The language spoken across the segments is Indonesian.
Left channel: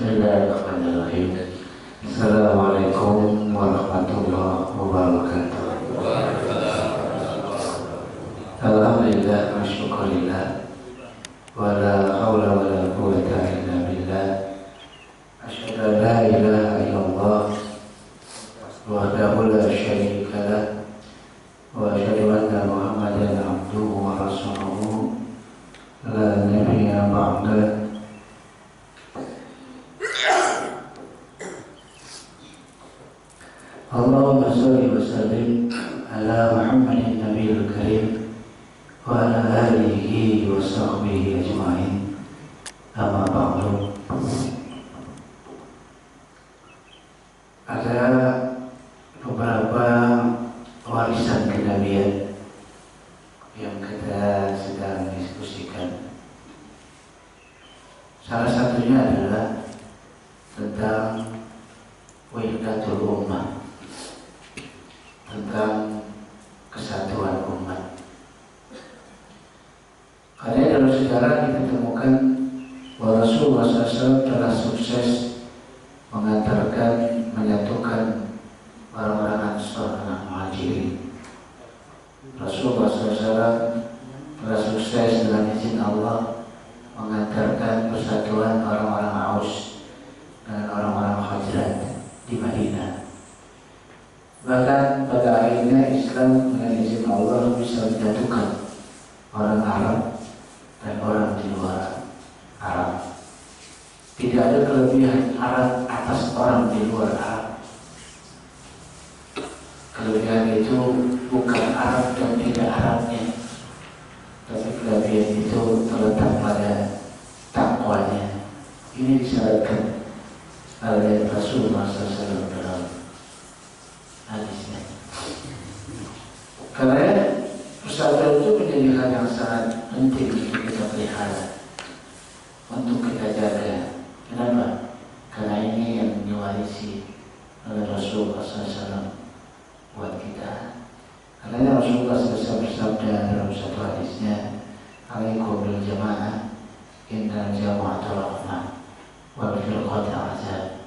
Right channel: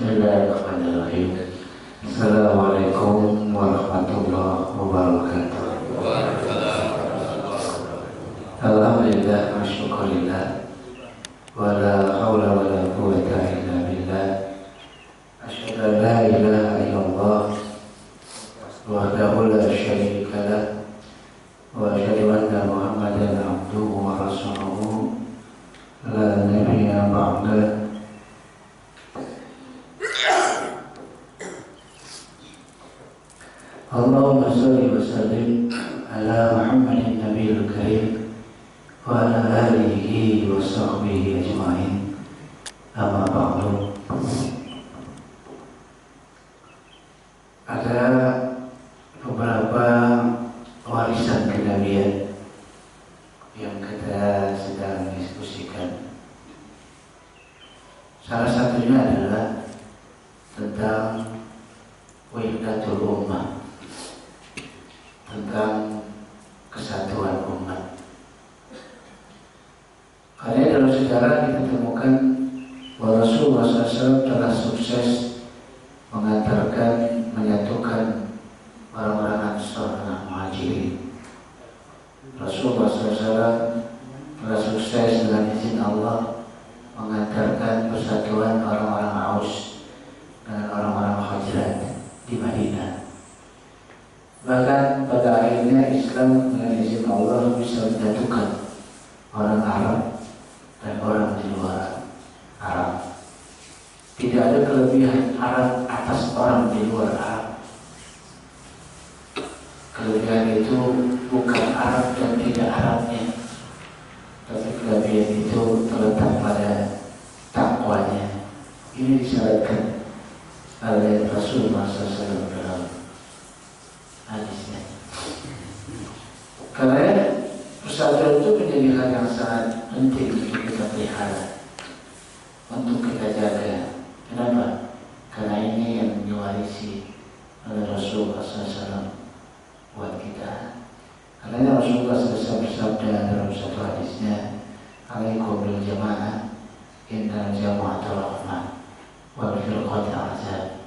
Bismillahirrahmanirrahim. Assalamualaikum warahmatullahi wabarakatuh. Alhamdulillah wa syukurillah wa la hawla wa la quwwata illa billah. Asyhadu an la ilaha illallah wahdahu la syarika lah wa asyhadu anna Muhammadan abduhu wa rasuluhu la nabiyya ba'dah. Allahumma sholli wa sallim ala Muhammadin nabiyil karim wa ala alihi wa sahbihi ajma'in. Amma ba'du. Ada beberapa warisan kenabian yang kita sedang diskusikan. Salah satunya adalah tentang wahdatul ummah, tentang kesatuan umat. Karena dalam sejarah kita temukan bahwa Rasulullah SAW telah sukses mengantarkan, menyatukan orang-orang Ansar dengan Muhajirin. Rasulullah SAW telah sukses dengan izin Allah mengantarkan persatuan orang-orang Aus dengan orang-orang Khazraj di Madinah. Bahkan pada akhirnya Islam dengan izin Allah bisa menyatukan orang Arab dan orang di luar Arab. Tidak ada kelebihan Arab atas orang di luar Arab. Kelebihan itu bukan Arab dan tidak Arabnya, tapi kelebihan itu terletak pada takwanya. Ini disyaratkan oleh Rasulullah SAW dalam hadisnya. Karena persatuan itu menjadi hal yang sangat penting untuk kita pelihara, untuk kita jaga. Kenapa? Karena ini yang diwarisi oleh Rasulullah SAW buat kita. Karena Rasulullah SAW bersabda dalam satu hadisnya, "Alaikum bil jamaah, innal jama'ata rahmah, wal firqata azab."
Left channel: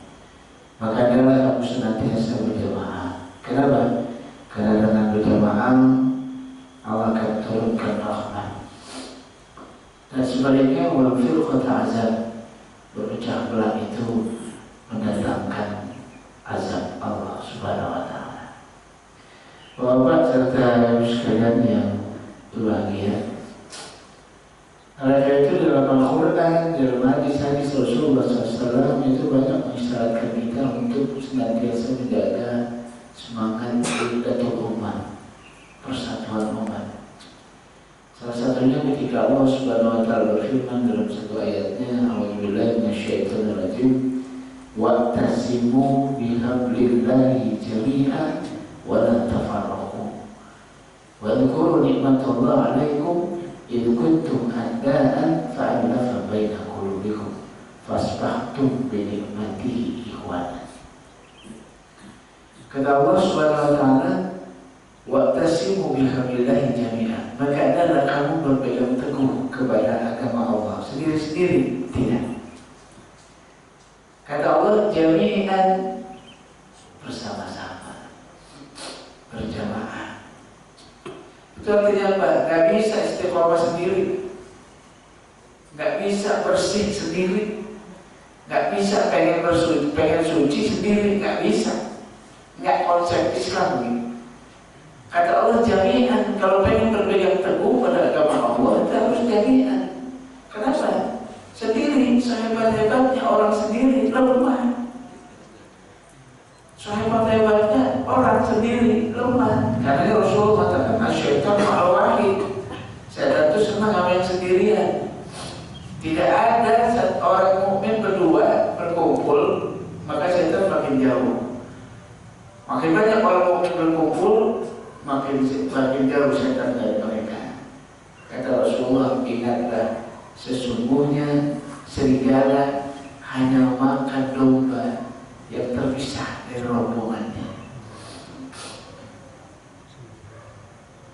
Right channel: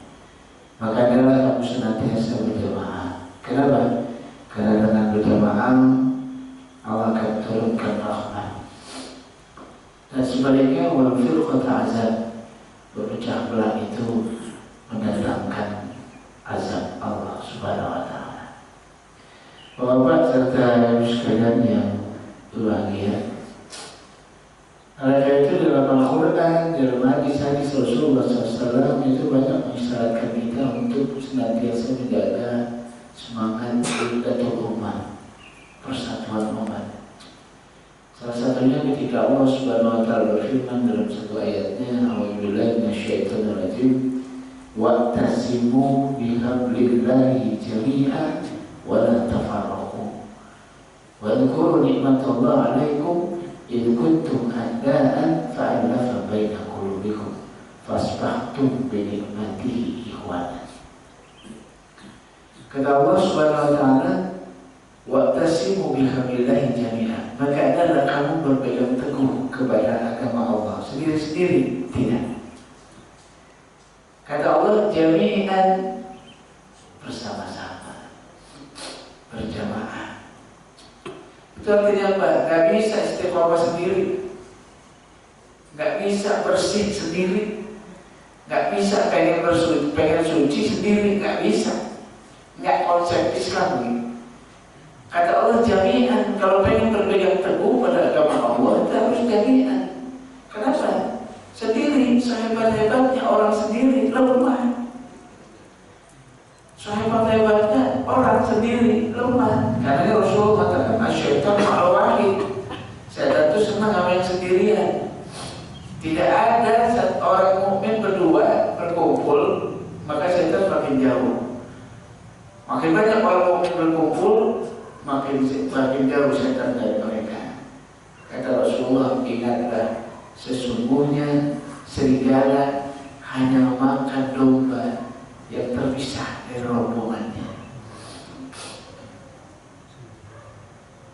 Maka adalah kamu senantiasa berjamaah. Kenapa? Karena dengan berjamaah Allah akan turunkan rahmat. Dan sebaliknya wal firqata azab, berpecah belah itu mendatangkan azab Allah Subhanahu wa taala. Bapak serta sekalian yang berbahagia, oleh itu dalam Al-Quran, dalam hadis-hadis Rasulullah SAW itu banyak mengisyaratkan kita untuk senantiasa menjaga semangat wahdatul ummah, persatuan umat. Salah satunya ketika Allah Subhanahu wa taala berfirman dalam satu ayatnya, "A'udzubillahi minasyaitonir rajim, wa'tasimu bihablillahi jami'an wa la tafarraqu. Wadhkuru ni'matallahi 'alaikum idh kuntum a'da'an fa'alafa baina qulubikum fasbahtum bi ni'matihi ikhwanan." Kata Allah Subhanahu wa taala, "Wa'tasimu bihablillahi jami'an." Maka adalah kamu berpegang teguh kepada agama Allah sendiri-sendiri, tidak. Kata Allah, jami'an, bersama-sama, berjamaah. Itu artinya apa? Gak bisa istiqomah sendiri, gak bisa bersih sendiri, gak bisa pengen suci sendiri, gak bisa. Gak konsep Islam ini. Kata Allah jami'an, kalau pengen berpegang teguh pada agama Allah itu harus jami'an. Kenapa? Sendiri, sehebat-hebatnya orang sendiri lemah. Sehebat-hebatnya orang sendiri lemah. Karena Rasulullah katakan, "Asyaitan ma'al wahid." Setan itu senang sama yang sendirian. Tidak ada orang mukmin berdua berkumpul, maka setan makin jauh. Makin banyak orang mukmin berkumpul, makin jauh setan dari mereka. Kata Rasulullah, "Ingatlah, sesungguhnya serigala hanya makan domba yang terpisah dari rombongannya."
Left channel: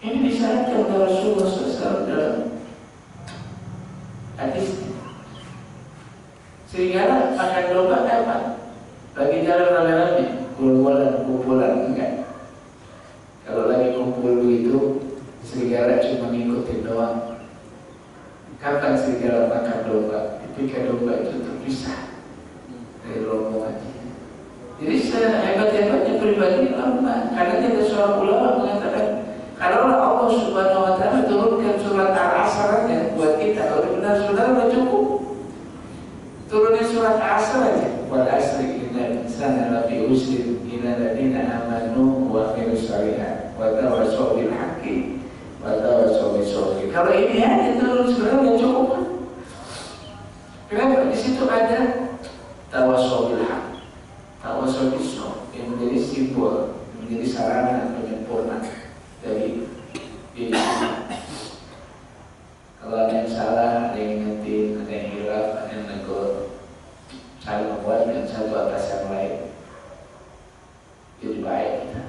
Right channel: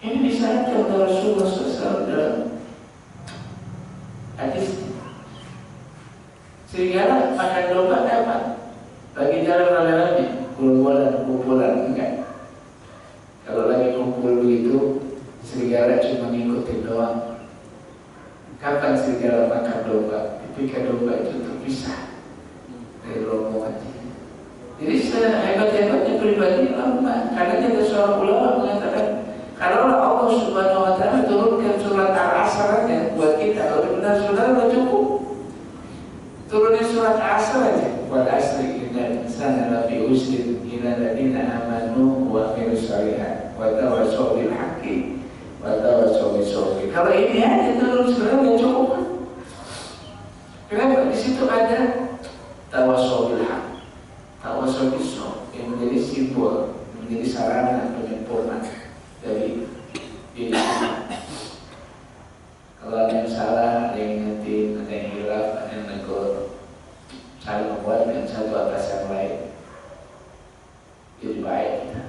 Ini disyaratkan oleh Rasulullah SAW dalam hadis. Serigala makan domba kapan? Lagi jalan rame-rame, kumpulan enggak. Kalau lagi kumpul begitu, serigala cuma ngikutin doang. Kapan serigala makan domba? Ketika domba itu terpisah dari rombongannya. Jadi sehebat-hebatnya pribadi lama. Karena ada seorang ulama mengatakan, kalau Allah Subhanahu Wa Taala turunkan surat Al-Asr aja buat kita, kalau benar saudara sudah cukup. Turunin surat Al-Asr aja. Wal asri innal insana lafi khusr illa alladziina aamanu wa amilus shalihaat wa tawassaw bil haqqi wa tawassaw bis sabr. Kalau ini aja turun surat sudah cukup. Kenapa? Di situ ada tawassaw bil haqq, tawassaw bis sabr yang menjadi simbol, menjadi sarana penyempurna dari diri kita. Kalau ada yang salah, ada yang ngetin, ada yang hilaf, ada yang negur, saling menguatkan satu atas yang lain, jadi baik kita.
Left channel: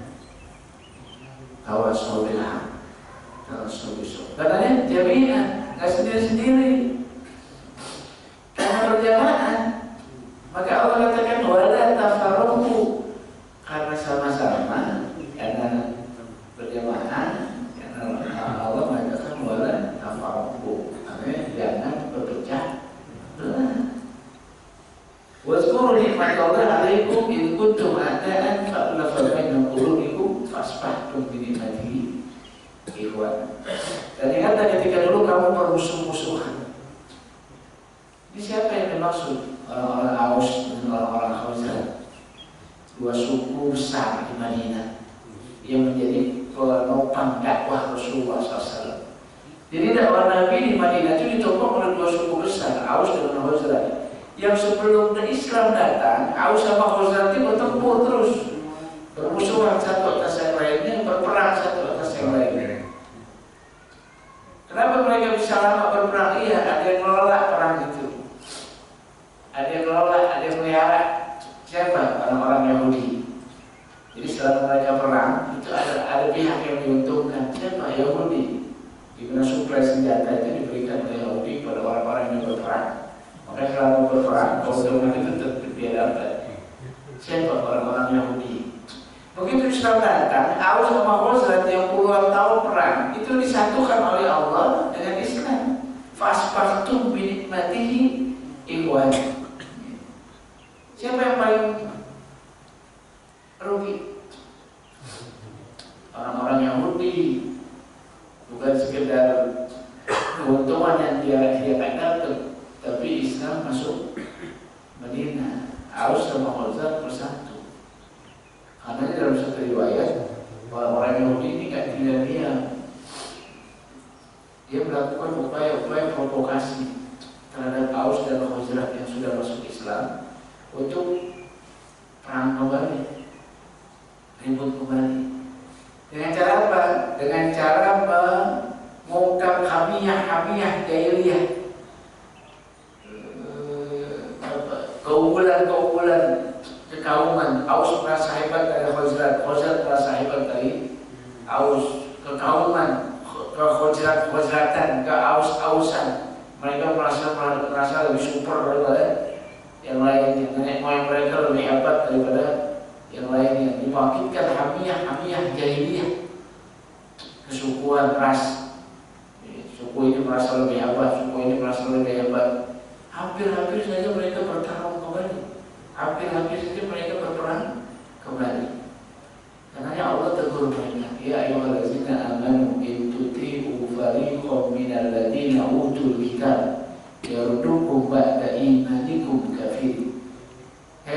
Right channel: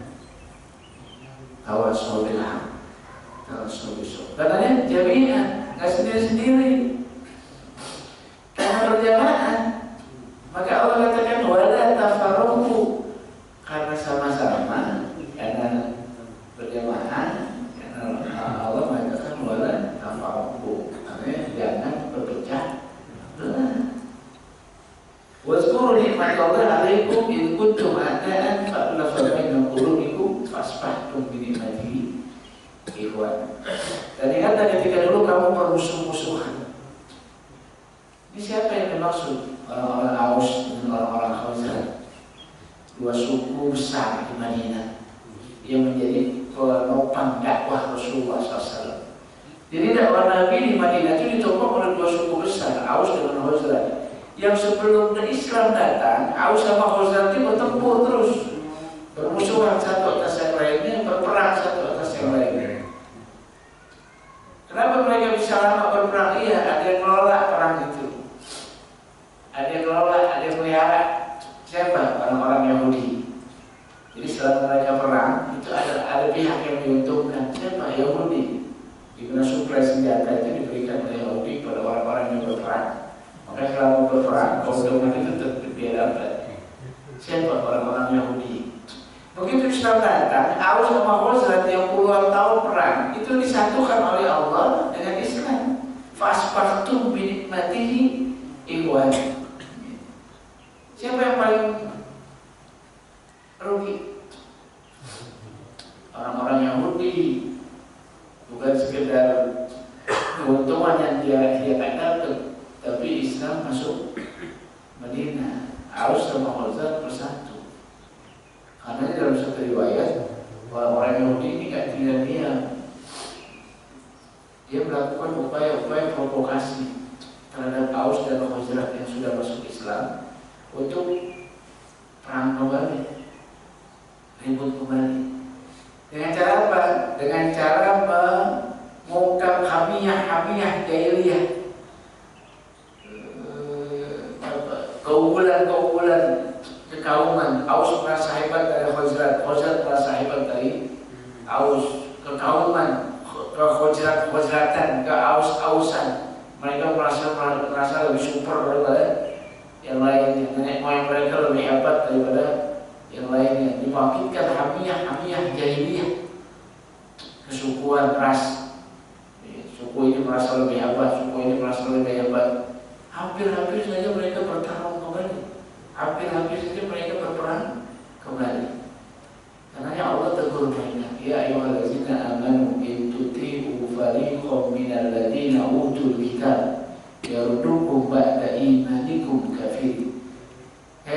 Tawassaw bil haqq, tawassaw bis sabr. Katanya jami'an, nggak sendiri-sendiri. Karena berjamaah, maka Allah katakan wala tafarraqu, karena sama-sama, karena berjamaah, karena Allah mengatakan wala tafarraqu, artinya jangan berpecah belah. Wazkuru nikmatallahi 'alaikum in kuntum a'da'an fa'alafa baina qulubikum fasbahtum bi ni'matihi ikhwan. Dan ingatlah ketika dulu kamu bermusuh-musuhan. Ini siapa yang dimaksud? Orang-orang Aus dan orang-orang Khazraj, dua suku besar di Madinah yang menjadi penopang dakwah Rasulullah SAW. Jadi dakwah Nabi di Madinah itu ditopang oleh dua suku besar, Aus dan Khazraj. Yang sebelum Islam datang, Aus sama Khazraj itu bertempur terus, bermusuhan satu atas yang lainnya, berperang satu atas yang lainnya. Kenapa mereka bisa lama berperang? Iya, ada yang ngelola perang itu. Ada yang ngelola, ada yang melihara. Siapa? Orang-orang Yahudi. Jadi setelah mereka perang, itu ada pihak yang diuntungkan. Siapa? Yahudi. Di mana suplai senjata itu diberikan oleh Yahudi pada orang-orang yang berperang. Maka selama berperang, keuntungan itu tetap dia dapat. Siapa? Orang-orang Yahudi. Begitu Islam datang, Aus sama Khazraj yang puluhan tahun perang itu disatukan oleh Allah dengan Islam. Fasbahtum bi nikmatihi ikhwan. Siapa yang paling rugi? Orang-orang Yahudi. Bukan sekedar keuntungan yang dia akan dapat, tapi Islam masuk Madinah. Aus sama Khazraj bersatu. Karena dalam satu riwayat, orang-orang Yahudi ini tidak tinggal diam. Dia melakukan upaya-upaya provokasi terhadap Aus dan Khazraj yang sudah masuk Islam untuk perang kembali, ribut kembali. Dengan cara apa? Dengan cara mengungkap hamiyah jahiliyah, keunggulan kekauman. Aus merasa hebat dari Khazraj, Khazraj merasa hebat dari Aus. Kekauman, ke-Khazratan, ke-Aus-Ausan, mereka merasa lebih super daripada yang lain. Nenek moyang mereka lebih hebat daripada yang lainnya. Dibangkitkan hamiyah jahiliyah, kesukuan ras. Suku ini merasa lebih hebat, suku ini merasa lebih hebat. Hampir-hampir saja mereka bertarung kembali. Hampir-hampir saja mereka berperang kembali. Karena Allah tegur mereka, ya ayyuhallazina amanu in tuti'u fariqam minal ladzina utul kitab yaruddukum ba'da imanikum kafir. Hai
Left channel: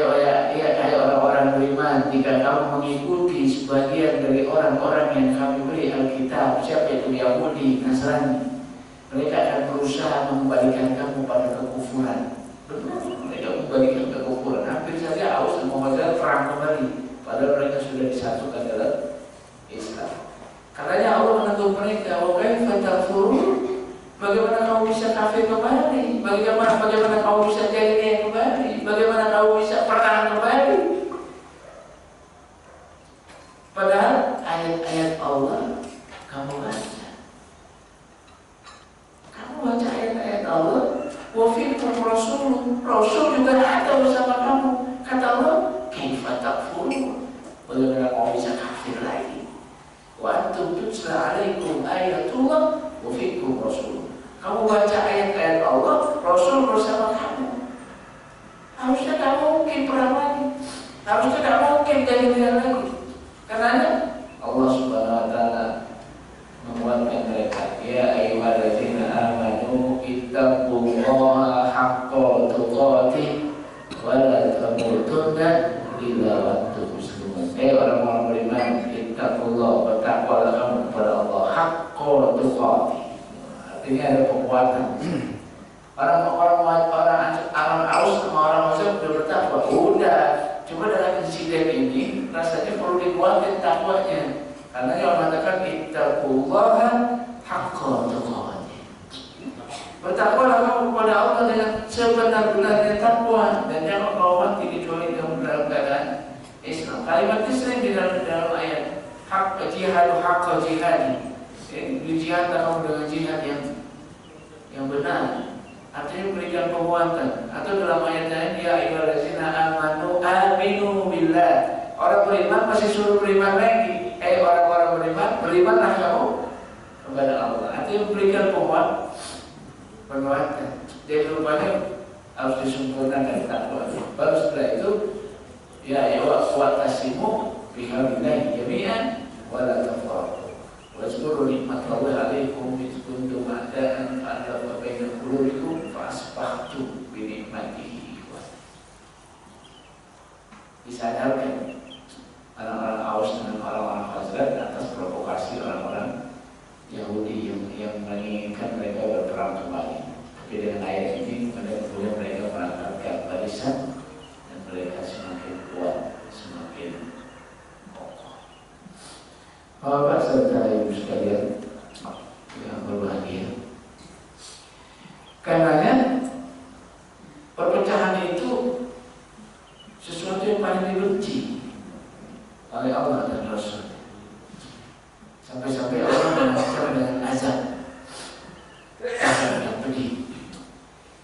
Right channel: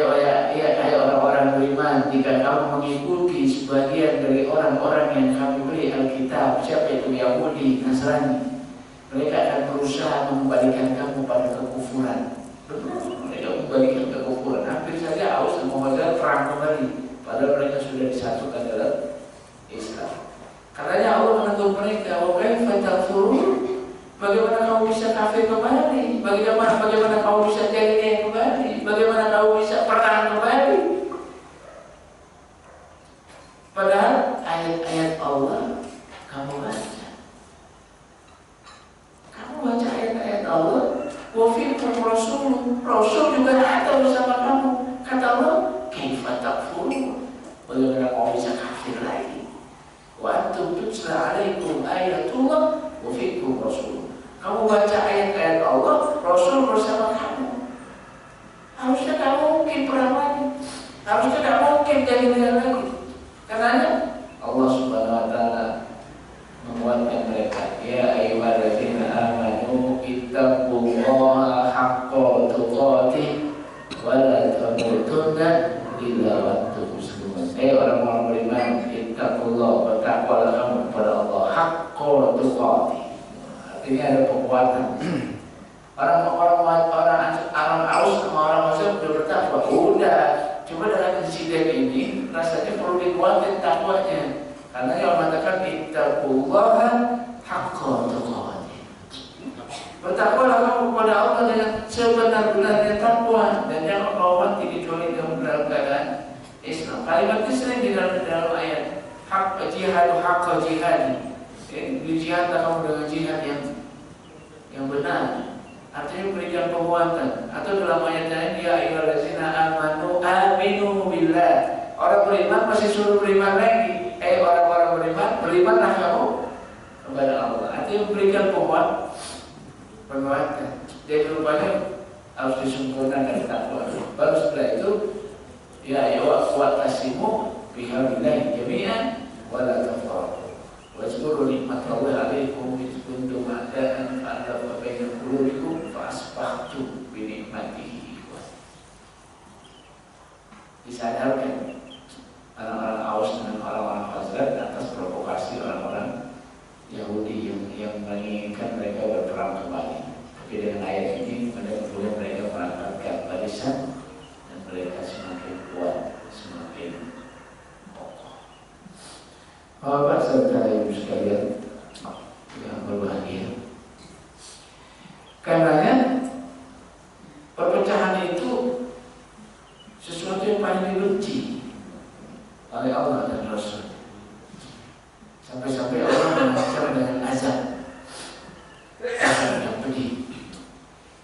orang-orang beriman, jika kamu mengikuti sebagian dari orang-orang yang kami beri Alkitab, siapa itu? Yahudi, Nasrani, mereka akan berusaha mengembalikan kamu pada kekufuran. Mereka membalikan kekufuran. Hampir saja Aus dan Khazraj perang kembali, padahal mereka sudah disatukan dalam Islam. Karenanya Allah menegur mereka, wa kaifa takfurun? Bagaimana kamu bisa kafir kembali? Bagaimana kamu bisa jahiliyah kembali? Bagaimana kamu bisa perang kembali? Padahal ayat-ayat Allah kamu baca. Kamu baca ayat-ayat Allah. Wa fiikum rasul Rasul juga ada bersama kamu. Kata Allah, kaifa takfurun? Bagaimana kamu bisa kafir lagi? Wa antum tutla alaikum ayatullah wa fikum rasul. Kamu baca ayat-ayat Allah, Rasul bersama kamu. Harusnya kamu mungkin perang lagi. Harusnya kamu mungkin jahiliyah lagi. Karena Allah Subhanahu wa taala menguatkan mereka, ya ayyuhalladzina amanu ittaqullaha haqqa tuqatih wa la tamutunna illa wa antum muslimun. Orang-orang beriman, ittaqullaha, bertakwalah kamu kepada Allah haqqa tuqatih. Artinya ada penguatan. Orang Aus sama orang Muslim sudah bertakwa. Udah, cuma dalam insiden ini rasanya perlu dikuatkan takwanya. Karena yang mengatakan ittaqullaha haqqa tuqatih. Bertakwalah kamu kepada Allah dengan sebenar-benarnya takwa dan jangan kau mati kecuali kamu dalam keadaan Islam. Kalimat ini sering di dalam ayat hak jihadu haqqa jihadi. Jihadlah kamu dengan jihad yang benar. Artinya berikan penguatan. Atau dalam ayat lain, ya ayyuhallazina amanu aminu billah. Orang beriman masih suruh beriman lagi. Orang-orang beriman, berimanlah kamu kepada Allah. Artinya berikan penguatan. Jadi rupanya harus disempurnakan takwa. Baru setelah itu, ya wa'tasimu bihablillahi jami'an wa la tafarraqu. Wazkuru nikmatallahi 'alaikum idh kuntum a'da'an fa'alafa baina qulubikum fa'asbahtum bi ni'matihi ikhwanan. Disadarkan orang-orang Aus dengan orang-orang Khazraj atas provokasi orang-orang Yahudi yang menginginkan mereka berperang kembali. Tapi dengan ayat ini benar-benar mereka merangkapkan barisan dan mereka semakin kuat, semakin Bapak serta ibu sekalian yang berbahagia. Karenanya perpecahan itu sesuatu yang paling dibenci oleh Allah dan Rasul. Sampai-sampai Allah mengancam dengan azab yang pedih.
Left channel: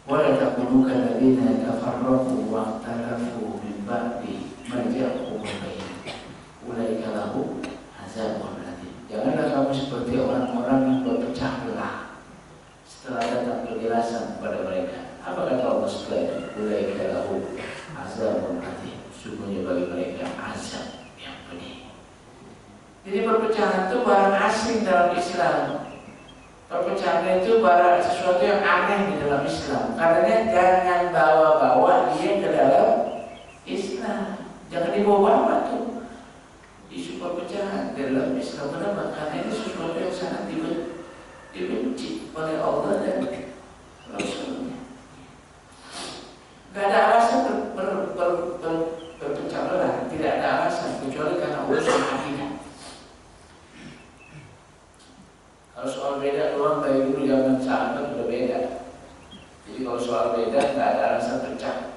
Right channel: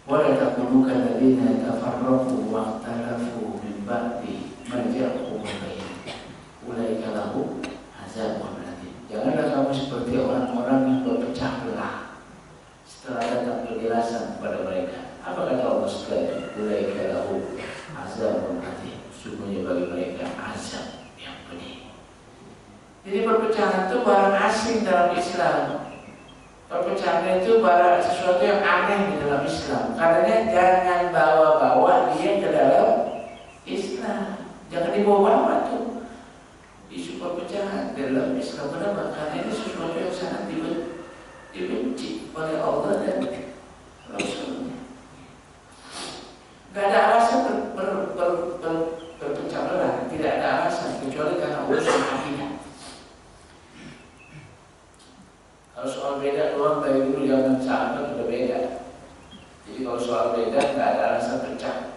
Wala taqulu kalladzina tafarraqu wa ikhtalafu min ba'di ma ja'ahumul bayyinah. Ulaika lahum azabun alim. Janganlah kamu seperti orang-orang yang berpecah belah setelah datang penjelasan kepada mereka. Apa kata Allah setelah itu? Ulaika lahum azabun alim. Sungguhnya bagi mereka azab yang pedih. Jadi perpecahan itu barang asing dalam Islam. Perpecahan itu barang sesuatu yang aneh di dalam Islam. Karena jangan bawa-bawa dia ke dalam Islam. Jangan dibawa-bawa tuh isu perpecahan dalam Islam. Kenapa? Karena ini sesuatu yang sangat dibenci oleh Allah dan Rasulnya. Gak ada alasan berpecah belah. Tidak ada alasan kecuali karena urusan akidah. Kalau soal beda doang dari dulu zaman sahabat sudah beda. Jadi kalau soal beda gak ada alasan pecah.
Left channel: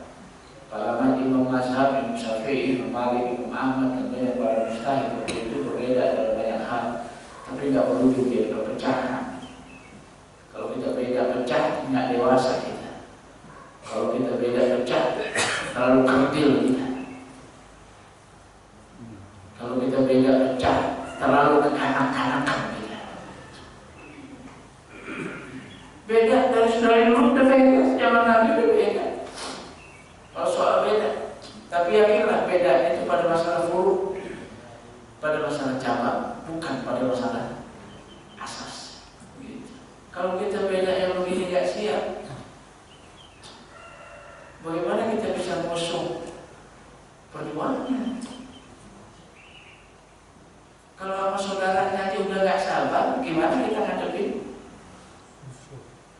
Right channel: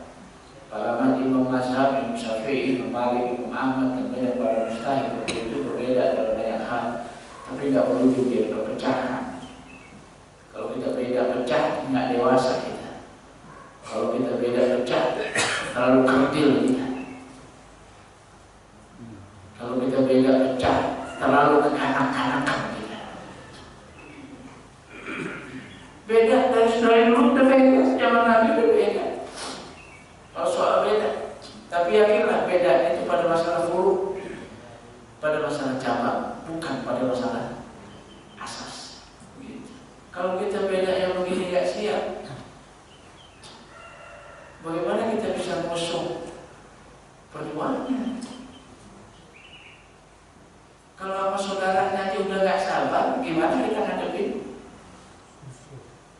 Para imam mazhab, Imam Syafi'i, Imam Malik, Imam Ahmad dan banyak para mujtahid itu berbeda dalam banyak hal. Tapi nggak perlu juga perpecahan. Kalau kita beda pecah, nggak dewasa kita. Kalau kita beda pecah, terlalu kerdil kita. Kalau kita beda pecah, terlalu kekanak-kanakan kita. Beda dari dulu udah beda, zaman Nabi udah beda. Kalau soal beda, tapi yakinlah bedanya itu pada masalah furu, pada masalah cabang, bukan pada masalah asas. Gitu. Kalau kita beda yang begini gak siap, bagaimana kita bisa musuh perjuangannya? Kalau sama saudaranya aja udah gak sabar, gimana kita ngadepin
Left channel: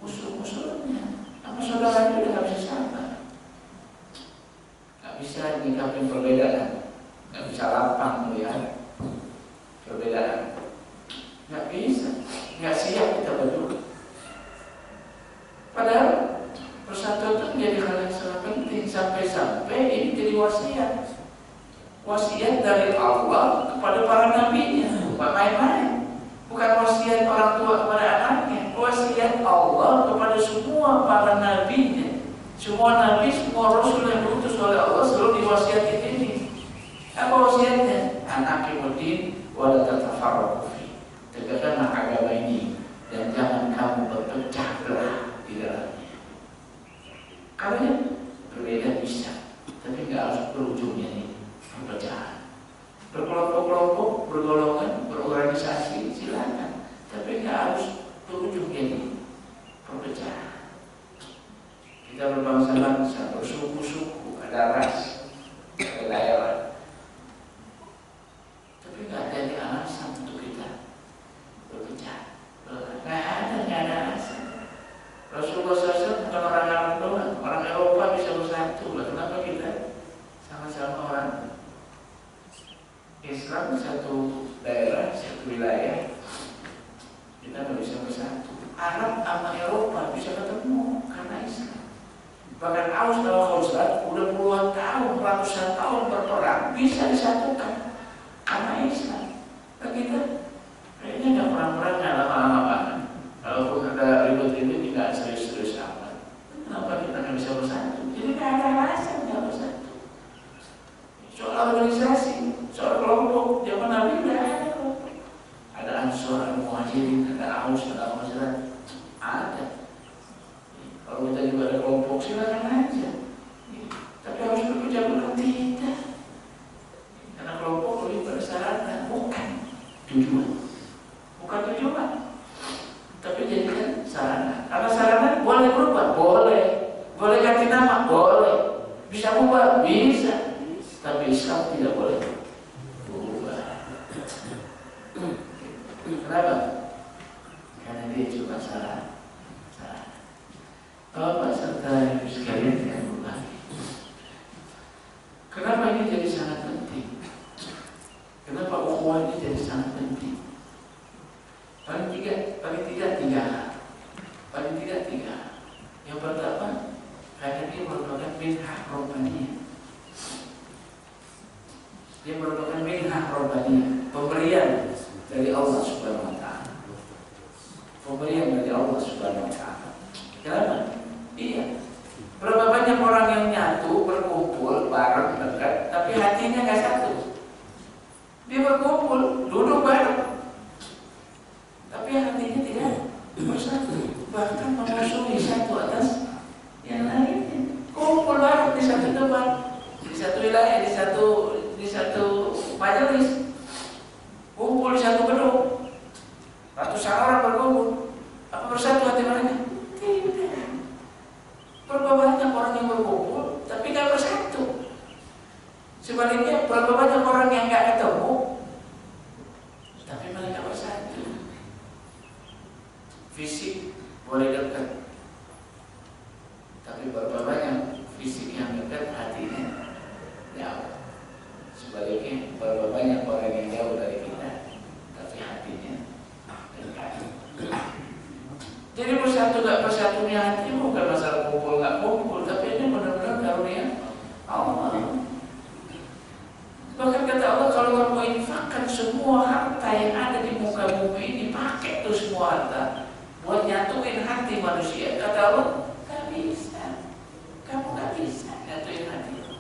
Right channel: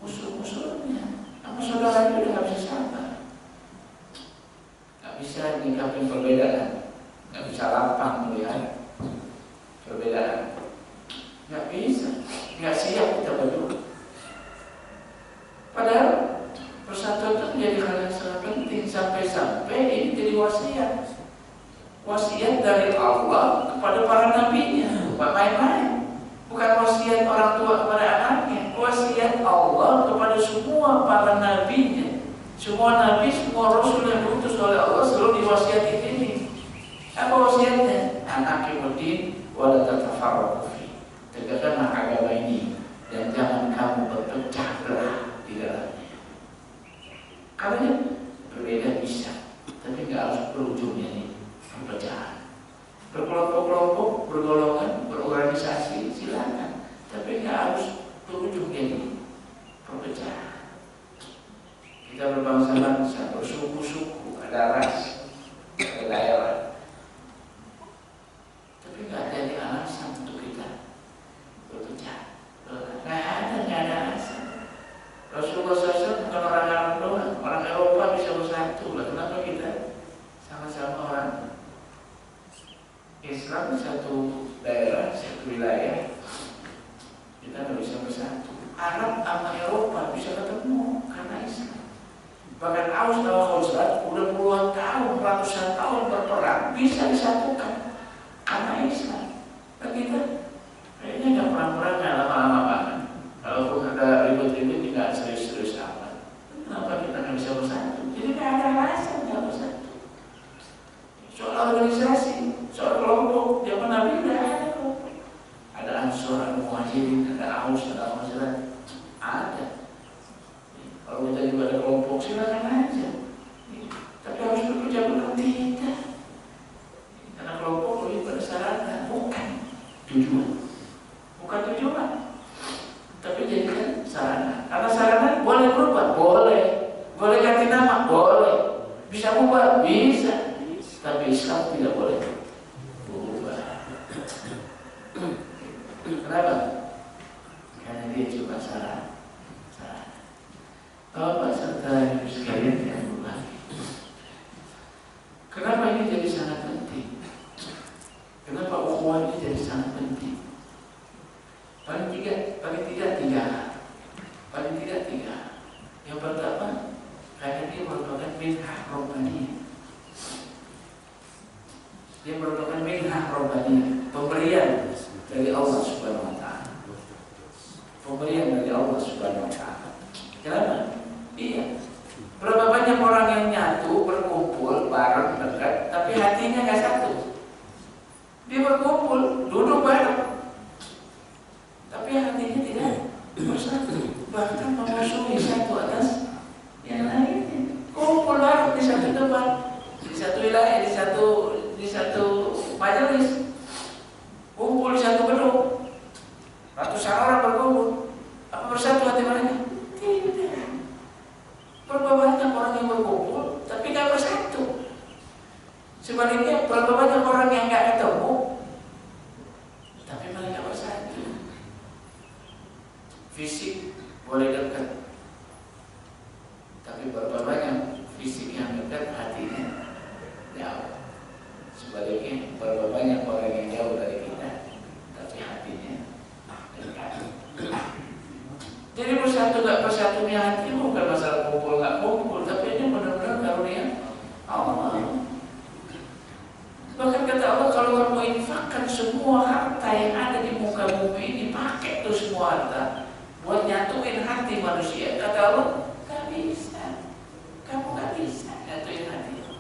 musuh-musuhnya? Sama saudaranya udah gak bisa sabar. Bisa nyikapin perbedaan, nggak bisa lapang melihat perbedaan, nggak bisa, nggak siap kita berdua. Padahal persatuan itu menjadi hal yang sangat penting sampai-sampai ini jadi wasiat dari Allah kepada para nabinya, bukan main-main. Bukan wasiat orang tua kepada anaknya, wasiat Allah kepada semua para nabinya. Semua nabi, semua rasul yang diutus oleh Allah selalu diwasiatin ini. Apa wasiatnya? Anaqimuddin wa la tatafarraqu fi. Tegakkanlah agama ini dan jangan kamu berpecah belah di dalamnya. Karena berbeda bisa, tapi nggak harus berujungnya nih perpecahan. Berkelompok-kelompok, bergolongan, berorganisasi silakan, tapi nggak harus berujungnya nih perpecahan. Kita berbangsa-bangsa, bersuku-suku, ada ras, ada daerah. Tapi nggak ada alasan untuk kita berpecah. Nggak ada alasan. Rasulullah SAW bukan orang Arab doang, orang Eropa bisa bersatu. Kenapa kita sama-sama orang Islam satu daerah, satu wilayah, kita nggak bisa bersatu? Arab sama Eropa bisa ketemu karena Islam. Bahkan Aus dan Khazraj udah puluhan tahun, ratusan tahun berperang bisa disatukan karena Islam. Dan kita kayaknya nggak perang-perang, nggak lama-lama banget. Kalaupun ada ribut-ribut nggak serius-serius amat. Kenapa kita nggak bisa bersatu? Jadi nggak ada alasan nggak bersatu. Soal organisasi, soal kelompok, zaman Nabi udah ada kelompok. Ada Ansor, ada Muhajirin, ada Aus, ada Khazraj, ada. Kalau kita juga ada kelompok silakan aja, tapi harus berpecah belah tidak, karena kelompok lebih pada sarana, bukan tujuan, tapi jadikan sarana. Karena sarana boleh berubah, boleh ganti nama, boleh, bisa berubah, bisa, tapi Islam tidak boleh berubah. Kenapa? Karena dia cuma sarana. Bapak serta ibu sekalian yang berbagi. Kenapa ini jadi sangat penting? Kenapa ukhuwah ini jadi sangat penting? Paling tidak tiga hal. Yang pertama, karena dia merupakan minhah robbaniyah. Dia merupakan minhah robbaniyah, pemberian dari Allah Subhanahu wa Ta'ala. Pemberian dari Allah Subhanahu wa Ta'ala. Kenapa? Iya. Berapa banyak orang yang nyatu, berkumpul, bareng, dekat, tapi hatinya nggak satu. Dia berkumpul, duduk bareng, tapi hatinya tidak bersatu. Bahkan memusuhi satu atas yang lainnya. Kumpul bareng di satu tempat, di satu wilayah, di satu majelis, kumpul di satu gedung, ratusan orang berkumpul. Apa bersatu hati mereka? Tidak. Berapa banyak orang yang berkumpul tapi nggak bersatu. Sebaliknya berapa banyak orang yang nggak ketemu tapi mereka bersatu. Fisik boleh dekat, tapi berapa banyak fisik yang dekat hatinya jauh. Sebaliknya berapa banyak orang yang jauh dari kita tapi hatinya dekat. Jadi bersatu gak bersatunya hati bukan masalah kumpul gak kumpul, tapi ini benar-benar karunia Allah. Bahkan kata Allah, kalau kamu infakkan semua harta yang ada di muka bumi ini, pakai tuh semua harta buat nyatuin hati manusia. Kata Allah, gak bisa. Kamu gak bisa nyatuin hati.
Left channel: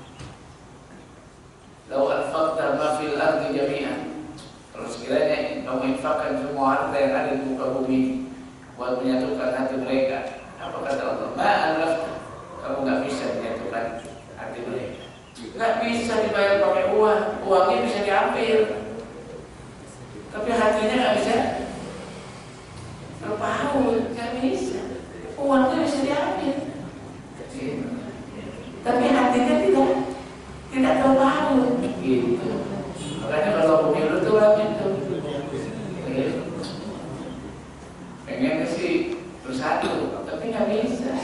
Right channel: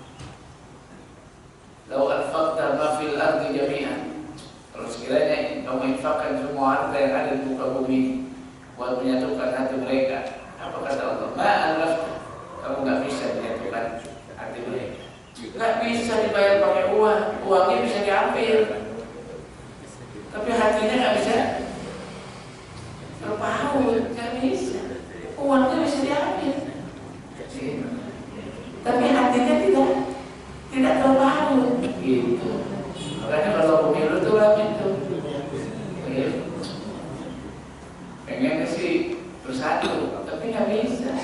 Lau anfaqta ma fil ardi jami'an. Kalau sekiranya kamu infakkan semua harta yang ada di muka bumi buat menyatukan hati mereka, apa kata Allah? Ma'alafta, kamu nggak bisa menyatukan hati mereka. Nggak bisa dibayar pakai uang, uangnya bisa diambil, tapi hatinya nggak bisa terpaut, nggak bisa. Uangnya bisa diambil, tapi hatinya tidak terpaut. Gitu. Makanya kalau pemilu itu rame tuh. Pengen sih bersatu, tapi nggak bisa.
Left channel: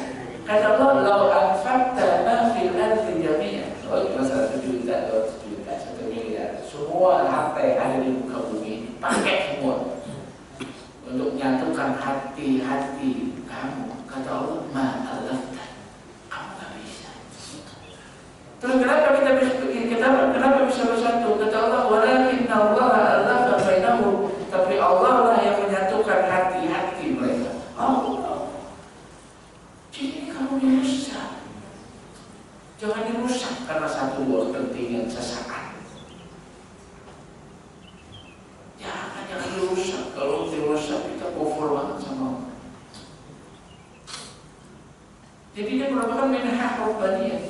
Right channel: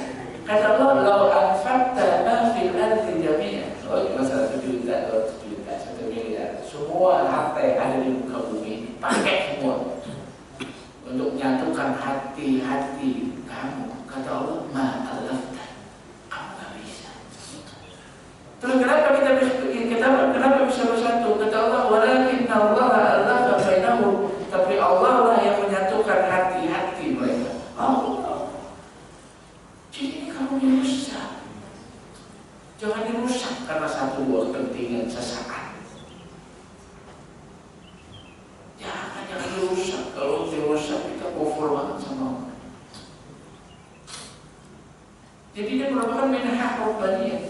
Kata Allah, lau anfaqta ma fil ardi jami'an. Oh, cuma 1 juta, 200 juta, 1 miliar. Semua harta yang ada di muka bumi ini, pakai semua untuk menyatukan hati-hati kamu. Kata Allah, ma'alafta, kamu nggak bisa. Terus kenapa bisa bersatu? Kata Allah, walakinna Allah alafa bainahum. Tapi Allah lah yang menyatukan hati-hati mereka. Allah. Jadi kamu yang susah. banget sama Allah. Jadi dia merupakan minhah robbaniyah.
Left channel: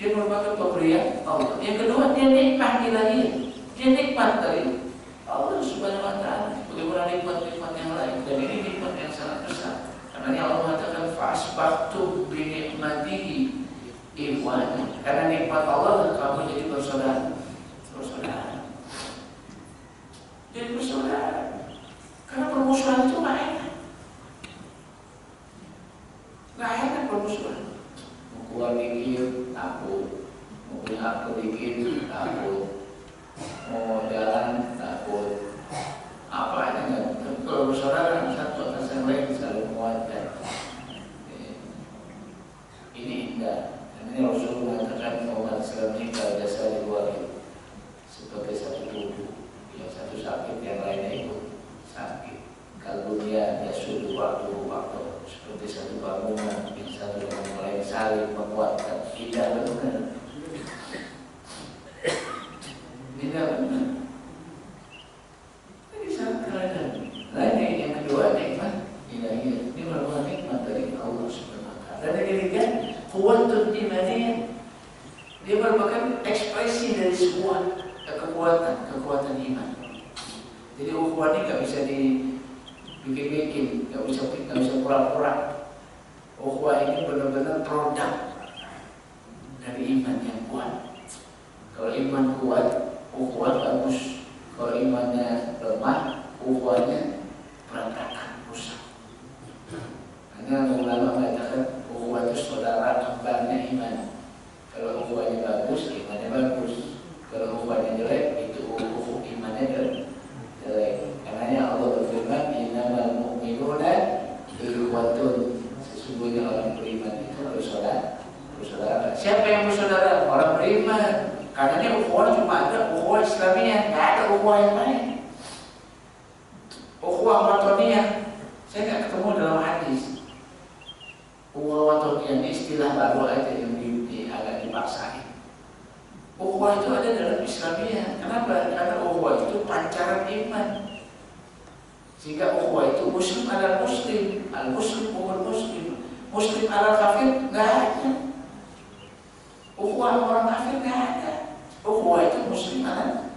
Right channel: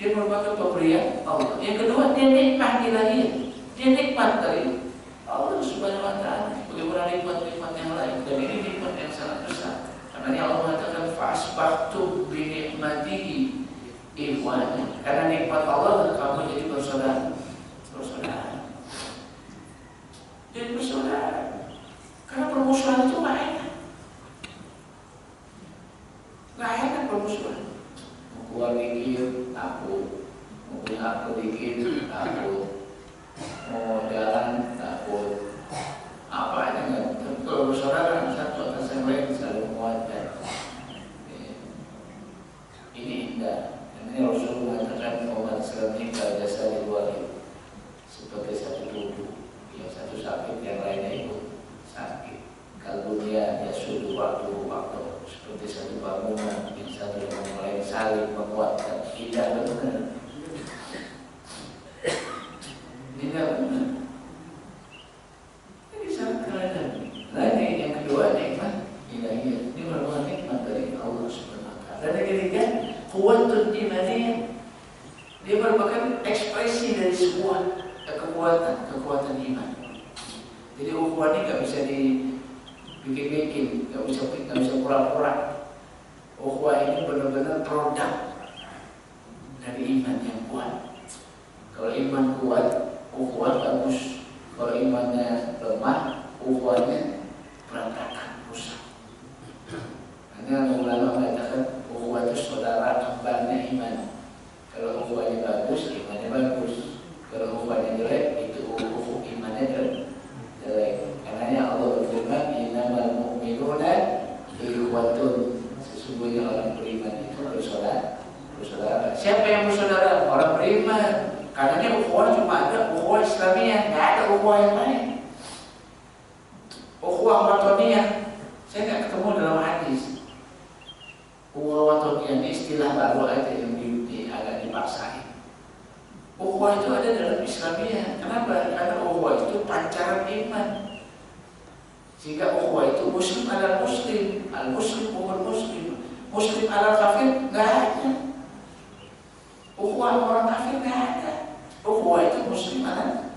Dia merupakan pemberian Allah. Yang kedua, dia nikmat ilahiyah. Dia nikmat dari Allah Subhanahu wa Ta'ala. Bagaimana nikmat-nikmat yang lain, dan ini nikmat yang sangat besar. Karena Allah mengatakan fa'asbahtum bi ni'matihi ikhwana. Karena nikmat Allah kamu jadi bersaudara. Jadi bersaudara. Karena permusuhan itu nggak enak. Nggak enak permusuhan. Mau keluar dikit, takut. Mau punya aku dikit, takut. Mau jalan, takut. Apa aja nggak. Kalau bersaudara satu atas yang lain selalu menguatkan. Ini indah. Ini Rasulullah mengatakan umat Islam ini kalau jasa di luar sebagai satu tubuh. Yang satu sakit, yang lainnya ikut sakit. Kalau dia sudah waktu seperti satu bangunan, yang satu dengan yang lain saling menguatkan. Tidak benar. Tidak benar. Ini sangat keren. Lain yang kedua nikmat ilahiyah. Ini merupakan nikmat dari Allah Subhanahu wa Ta'ala. Dan yang ketiga, quwwatul imaniyah. Dia merupakan ekspresi dari sebuah kekuatan iman. Jadi ukhuwah ini nggak bisa dibikin-bikin, nggak bisa pura-pura. Ukhuwah ini benar-benar produk dari iman yang kuat. Kalau iman kuat, ukhuwah bagus. Kalau imannya lemah, ukhuwahnya berantakan, rusak. Karena ulama mengatakan ukhuwah itu saudara kembarnya iman. Kalau ukhuwahnya bagus, imannya bagus. Kalau ukhuwahnya jelek, itu imannya jelek. Karena Allah berfirman, innamal mu'minuna ikhwatun. Sesungguhnya orang beriman itu bersaudara. Siapa yang bersaudara? Orang beriman. Karena ini ukhuwah cuma ada ukhuwah Islamiyah, nggak ada ukhuwah yang lain. Ukhuwah watoniyah, saya nggak ketemu dalam hadis. Ukhuwah watoniyah ini istilah baru aja yang agak dipaksain. Ukhuwah itu ada dalam Islamiyah. Kenapa? Karena ukhuwah itu pancaran iman. Sehingga ukhuwah itu muslim ala muslim, al muslim umur muslim, muslim ala kafir nggak ada. Ukhuwah orang kafir nggak ada. Ukhuwah itu muslim ala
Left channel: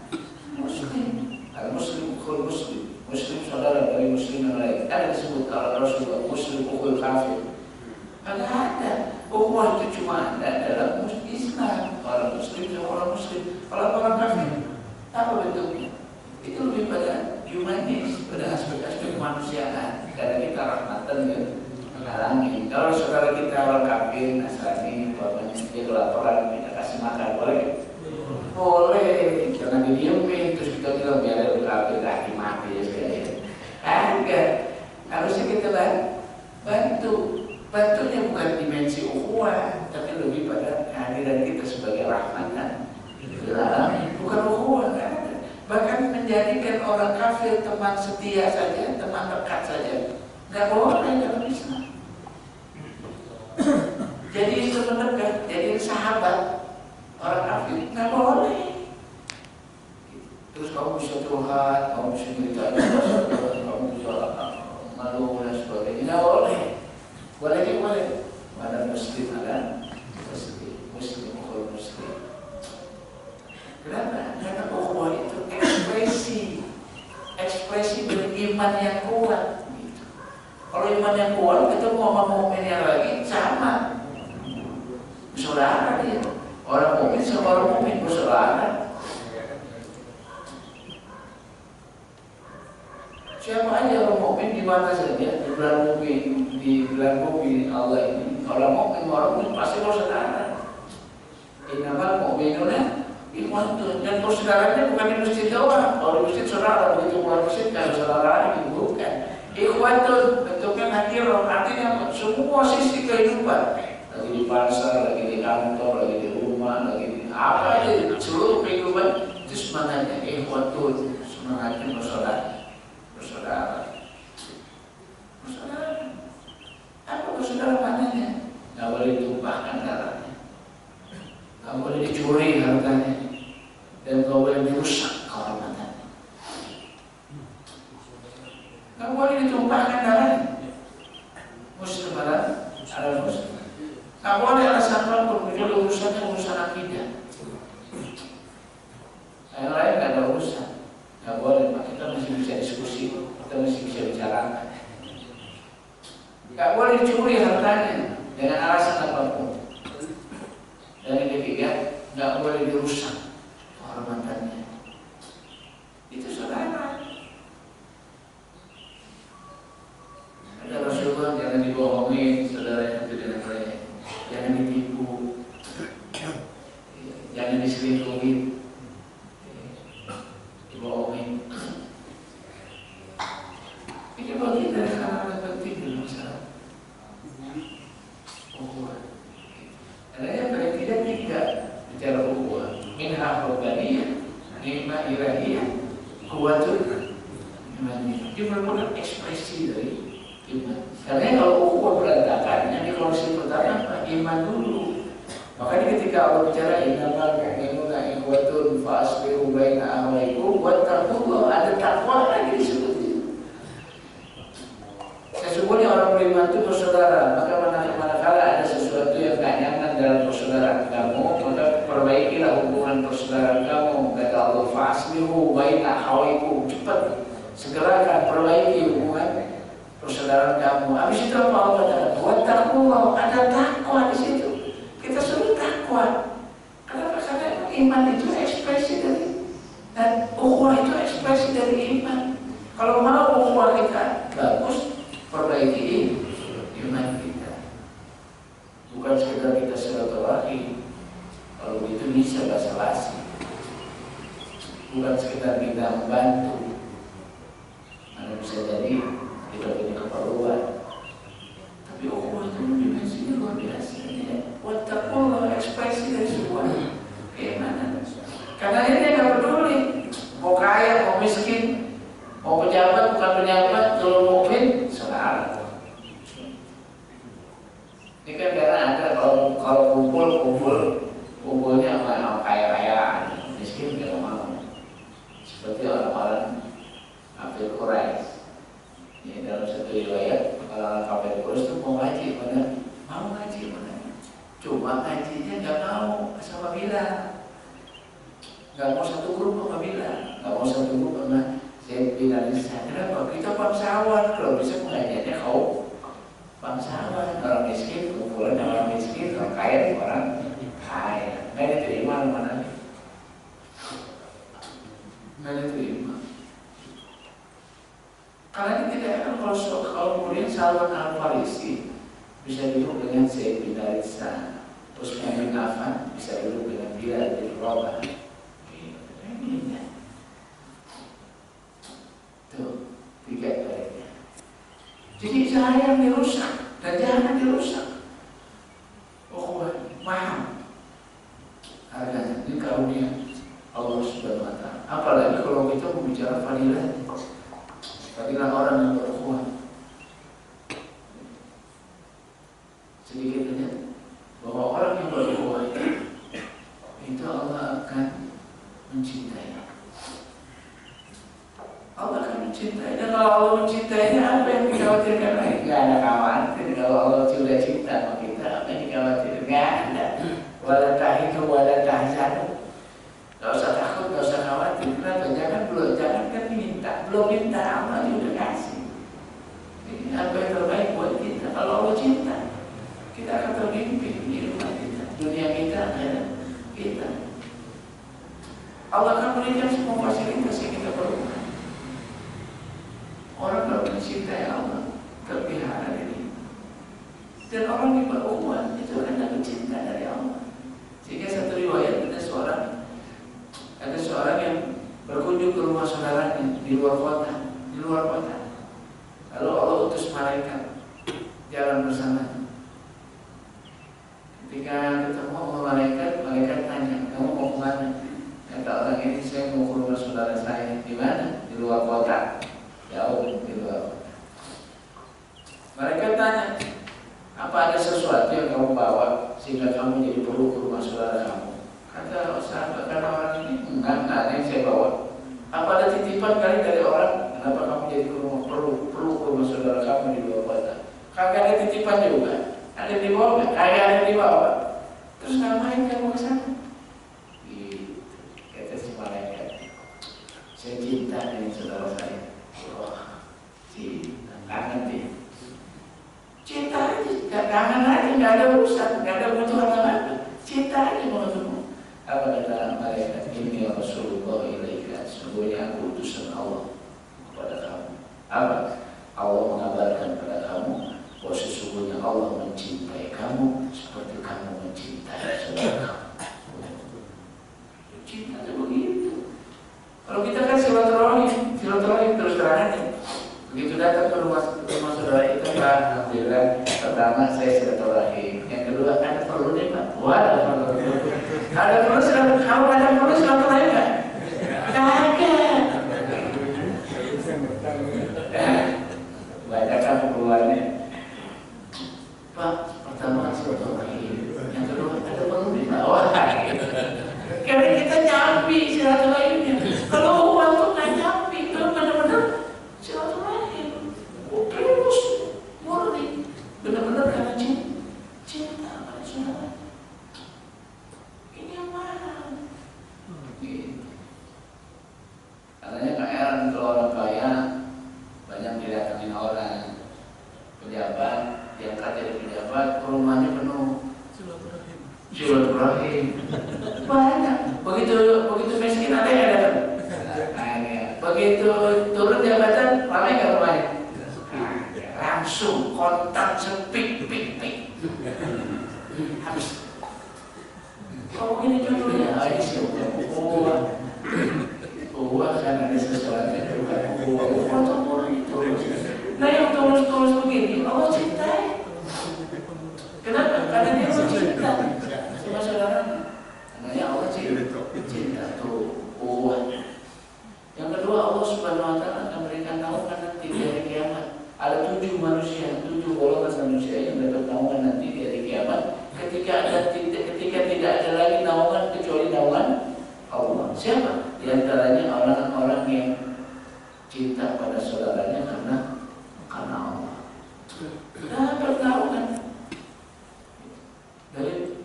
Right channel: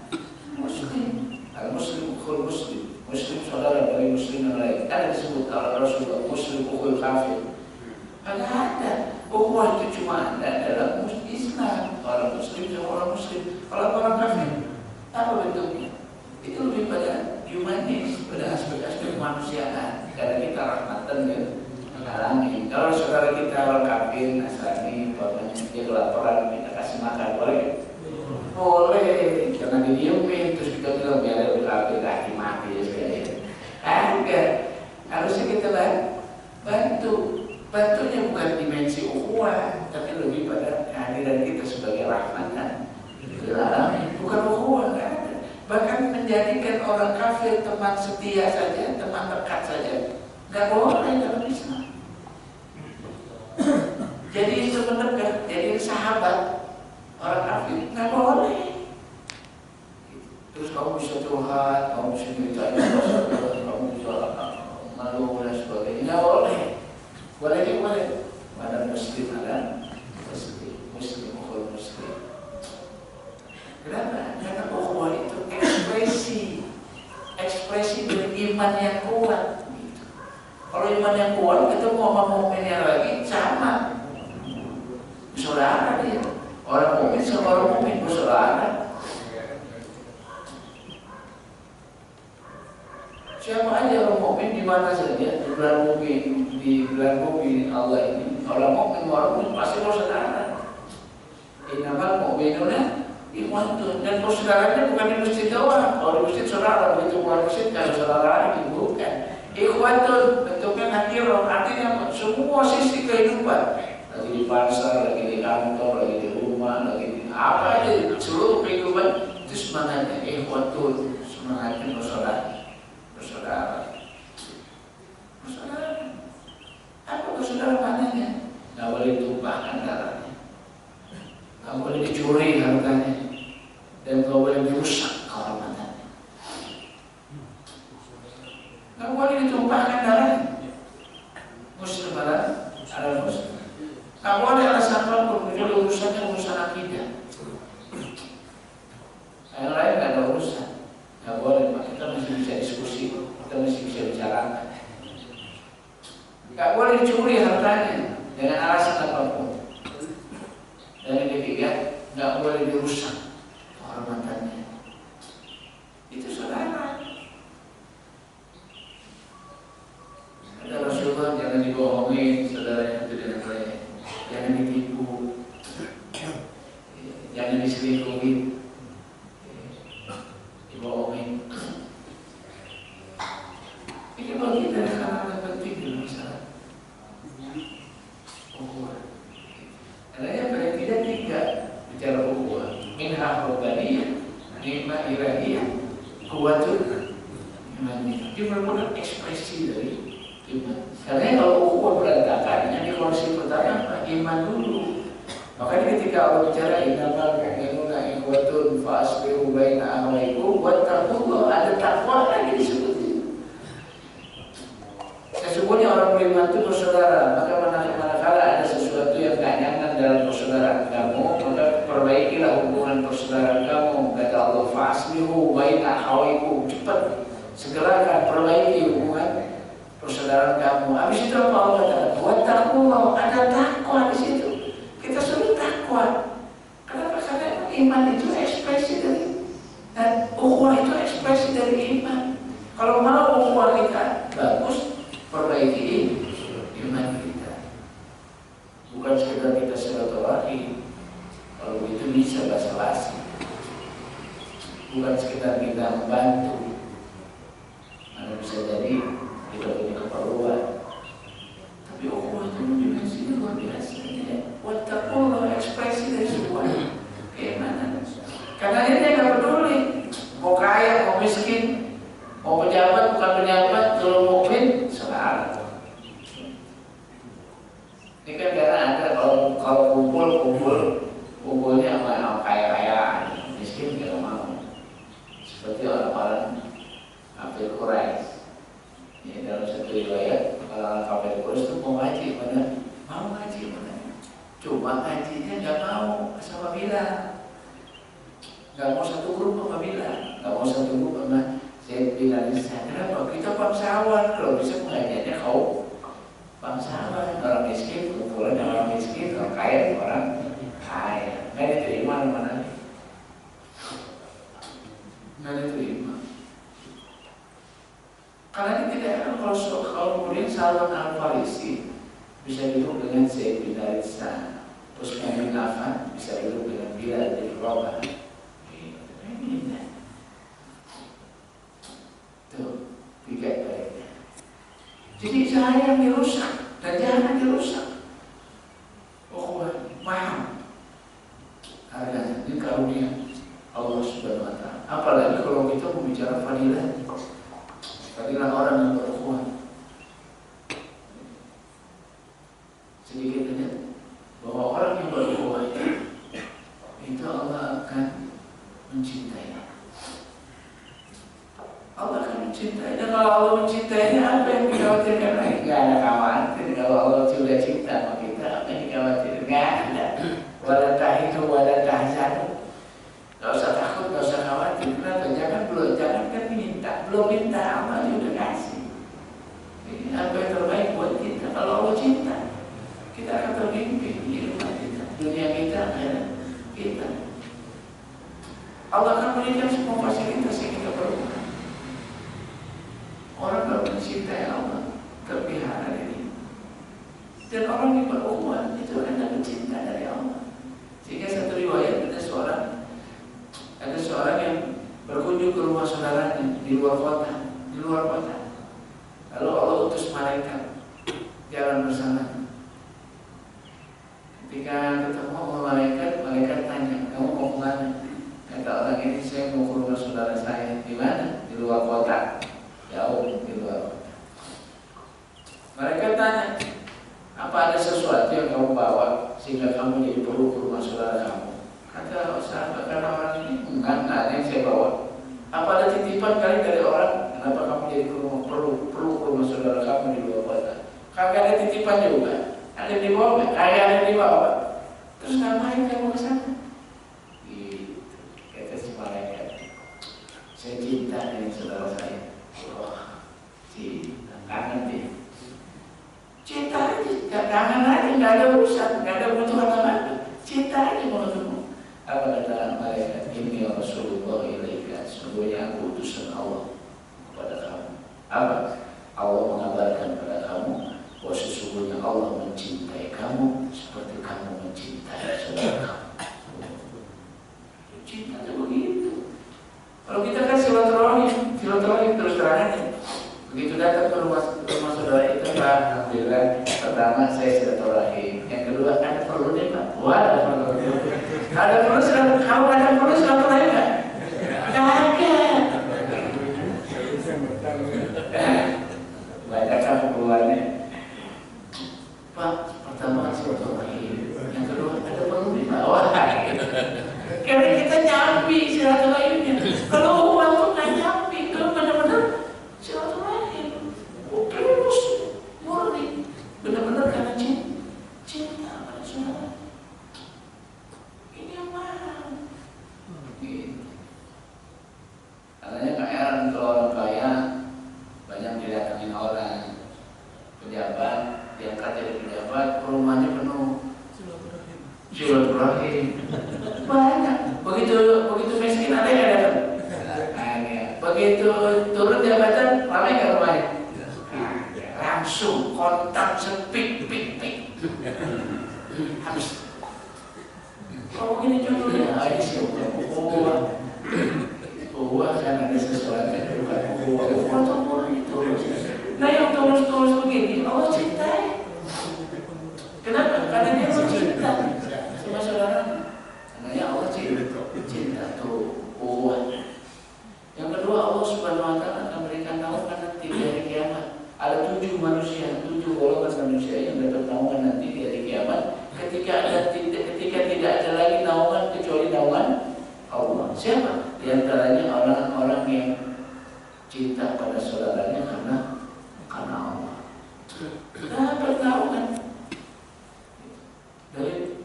muslim, al muslim ukhul muslim, muslim saudara dari muslim yang lain. Ada disebut kalau Rasulullah muslim ukhul kafir. Nggak ada. Ukhuwah itu cuma ada dalam Islam. Orang muslim sama orang muslim. Kalau orang kafir, apa bentuknya? Itu lebih pada humanis, pada aspek-aspek kemanusiaan. Karena kita rahmatan ya, menghalangi. Kalau saudara kita orang kafir, Nasrani, dia kelaparan, kita kasih makan, boleh? Boleh. Jangan didiemin, terus kita bilang biar dia kafir, lagi mati ya sekalian. Enggak. Harusnya kita bantu. Bantunya bukan dimensi ukhuwah, tapi lebih pada kehadiran kita sebagai rahmatan. Bukan ukhuwah, nggak ada. Bahkan menjadikan orang kafir teman setia saja, teman dekat saja, nggak boleh dalam Islam. Jadi itu mendekat, jadi sahabat orang kafir nggak boleh. Terus kamu bisa curhat, kamu bisa cerita, kamu bisa malu dan sebagainya, nggak boleh. Boleh juga boleh. Ada muslim ada muslim ukhul muslim. Kenapa? Karena ukhuwah itu ekspresi dari iman yang kuat. Gitu. Kalau iman yang kuat, kita mau mukmin yang lagi sama, saudara dia. Orang mukmin sama orang mukmin bersaudara. Siapa aja orang mukmin di mana saja di bulan bumi Allah ini, orang mukmin pasti bersaudara. Innamal mu'minuna ikhwatun. Dan persaudaranya bukan di masjid doang. Kalau di masjid saudara, begitu keluar masjid kalau saudara lagi, bukan. Ikhwatun bentuknya nakirah, artinya semua sisi kehidupan. Lagi di pasar, lagi di kantor, lagi di rumah, lagi di apa aja, seluruh kehidupan itu semangatnya ikhwatun, semangatnya bersaudara. Apa bersaudara maknanya? Nggak boleh ditumpahkan darahnya, nggak boleh dicuri hartanya, dan nggak boleh dirusak kehormatannya. Nggak boleh ditumpahkan darahnya. nggak boleh dicuri hartanya dengan alasan apapun. Dan yang ketiga, nggak boleh dirusak kehormatannya. Itu saudara. Ada Rasulullah, jangan dibohongi saudara yang tidak boleh, jangan ditipu, jangan diselingkuhi, dibohongi. Ini bagi dari hal-hal penting di masyarakat. Ukhuwah. Adanya paling tidak tiga bicara ukhuwah. Minha rabbaniyah, nikmah ilahiyah, kuwatun imaniyah. Dia merupakan ekspresi dari iman. Karena kalau ukhuwah berantakan, yang dikoreksi pertama apa? Iman dulu. Makanya ketika Allah bicara innamal mu'minuna ikhwatun fa aslihu baina akhawaykum wattaqullah, ada takwa lagi disebut. Sesungguhnya orang beriman itu bersaudara, maka manakala ada sesuatu yang tak nyaman dalam persaudaraan kamu, maka perbaikilah hubungan persaudaraan kamu. Kata Allah, fa'aslihu baina akhawaykum, cepat segerakan perbaiki hubungan persaudaraan kamu. Habis itu apa Allah katakan? Wattaqullah, ada takwa di situ. Kita suruh takwa. Kenapa? Karena iman itu ekspresi dari, dan ukhuwah itu ekspresi dari iman. Kalau mau ukhuwah kita bagus, perbaiki iman kita. Bukan sekedar kita silaturahim. Kalau itu bisa basa-basi. Bukan sekedar kita membantu. Mana bisa jadi kita punya keperluan. Tapi ukhuwah itu dimensinya luar biasa. Wattaqullah, ekspresi dari sebuah keimanan. Karena ini dia nggak peduli mau kaya, mau miskin, mau pejabat, bukan pejabat, kalau mukmin salah. Ini kan karena ada kalau kumpulnya sama kaya-kayaan, miskin nggak mau. Seperti orang-orang kafir Quraisy. Ini dalam satu riwayat orang kafir Quraisy itu mau ngaji, mana mau ngaji, mana cuma ngajinya nggak mau sama bilang, nggak mau satu grup sama bilang, nggak mau satu grup sama Zaid bin Haritha. Kenapa? Kita bangsawan, kalau bisa pengajiannya kau bangsawan, orang miskin kumpulan orang miskin, orang kaya orang kaya, nggak diterima mana? Nggak diterima. Karena ini tidak akan kalau kemudian Salman Al-Farisi bisa duduk dengan Zaid bin Haritha, Utsman bin Affan bisa duduk dengan Bilal bin Rabah. Ini tuh tiga baiknya. Jadi saya yang dirusak dan jangan dirusak. Ukhuwah, paham? Harganya ini karunia Allah Subhanahu Wa Taala. Apalagi kalau kita berbicara fadilah, fadilah orang yang berukhuwah. Sedikit saja bahwa orang yang berukhuwah itu Allah akan mencintai. Allah akan mencintai. Dan kalau Allah mencintainya, apa yang dikhawatirkan lagi? Gak ada khawatir. Kalau Allah sudah cinta sama kita, apa yang dikhawatirkan? Gak ada. Wala tahidu wala tahzanu. Gak usah takut, gak usah khawatir. Kenapa? Jangan kan minta. Belum minta, Allah juga kasih. Ini apa yang terbaik buat kita? Kalau Allah cinta, kita akan termimpi di rumah kita, dunia kita, akhirat kita. Allah akan memberikan semua fasilitas yang kita perlukan. Orang kalau mencintai Allah terpelihara ini. Dan orang yang berukhuwah itu akan dapat cinta dari Allah. Sehingga satu riwayat ada seorang yang berkunjung ke rumah saudaranya di luar kota. Lalu Allah utus malaikat jalan bersama. Ketika ketemu sama malaikat tanya, kamu mau kemana? Kata orang ini, saya mau ke rumah saudara saya. Di mana? Di luar kota. Jauh di luar kota. Mereka tanya, apa ada sesuatu yang kamu bawa sehingga kamu jadi perlu ke rumah saudara kamu? Kata sahabat, karena orang ini enggak ada yang saya bawa. Apa ada titipan kali dari orang? Kenapa kamu jadi perlu ke rumah saudara kamu di luar kota? Kagak ada titipan juga. Ada yang dibawa nggak? Kagak ada yang dibawa. Terus ngapain kamu ke sana? Gitu. Kata si malaikat, saya cinta dengan saudara saya. Wah, cinta, kangen dia. kangen aja, nggak ada urusan, nggak ada kebutuhan apa-apa, cinta aja mau ketemu. Apa kata malaikat? Ini Rasulullah ilaika, sesungguhnya aku utusan Allah kepada kamu. Apa? Allah mengabarkan kepada kamu bahwa sesungguhnya Allah mencintai kamu seperti kamu mencintai saudara kamu. Cinta itu begitu. Kalau kita kan silaturahim terus terang aja. Begitu datang ke rumah saudara itu, Pak, alhamdulillah, pertama saya silaturahim, yang kedua ada perlu nih Pak, ada perlu kamu ada perlu silaturahim nggak? Kagak. Banyak kan keluarnya, Pak, pertama silaturahim, yang kedua ada perlu nih Pak, wah, karena kita nyambi silaturahimnya. Kalau uang tuh nggak nyambi, itu benar-benar silaturahim, terus murni, benar-benar karena cinta pada saudara. Ini yang mahal. Gitu. Katanya Kak Eran kalau orang kaya banyak didatangin orang, pejabat, diangkat jadi pejabat, rumahnya penuh silaturahim. Banyak. Begitu miskin ada yang datang. Begitu turun jabatan, ramai nggak rumahnya? Langsung kontak sepik, pik. Habis. Kalau begini judulnya, ini siapa? Uang kan ada sesuatu yang bukan uang turun itu. Nah yang tulus begini, Allah cintai. Kenapa? Karena dia cinta sama saudara. Karena Allah cinta tuh uang. Yang kedua, Allah Subhanahu Wa Taala akan berikan naungan nanti di hari kiamat. Ada 7 golongan manusia yang dapat naungan nanti di hari kiamat. Ketika tidak ada lagi naungan kecuali naungan Allah. Siapa? Di antaranya orang-orang yang cinta pada saudaranya karena Allah. Dapat naungan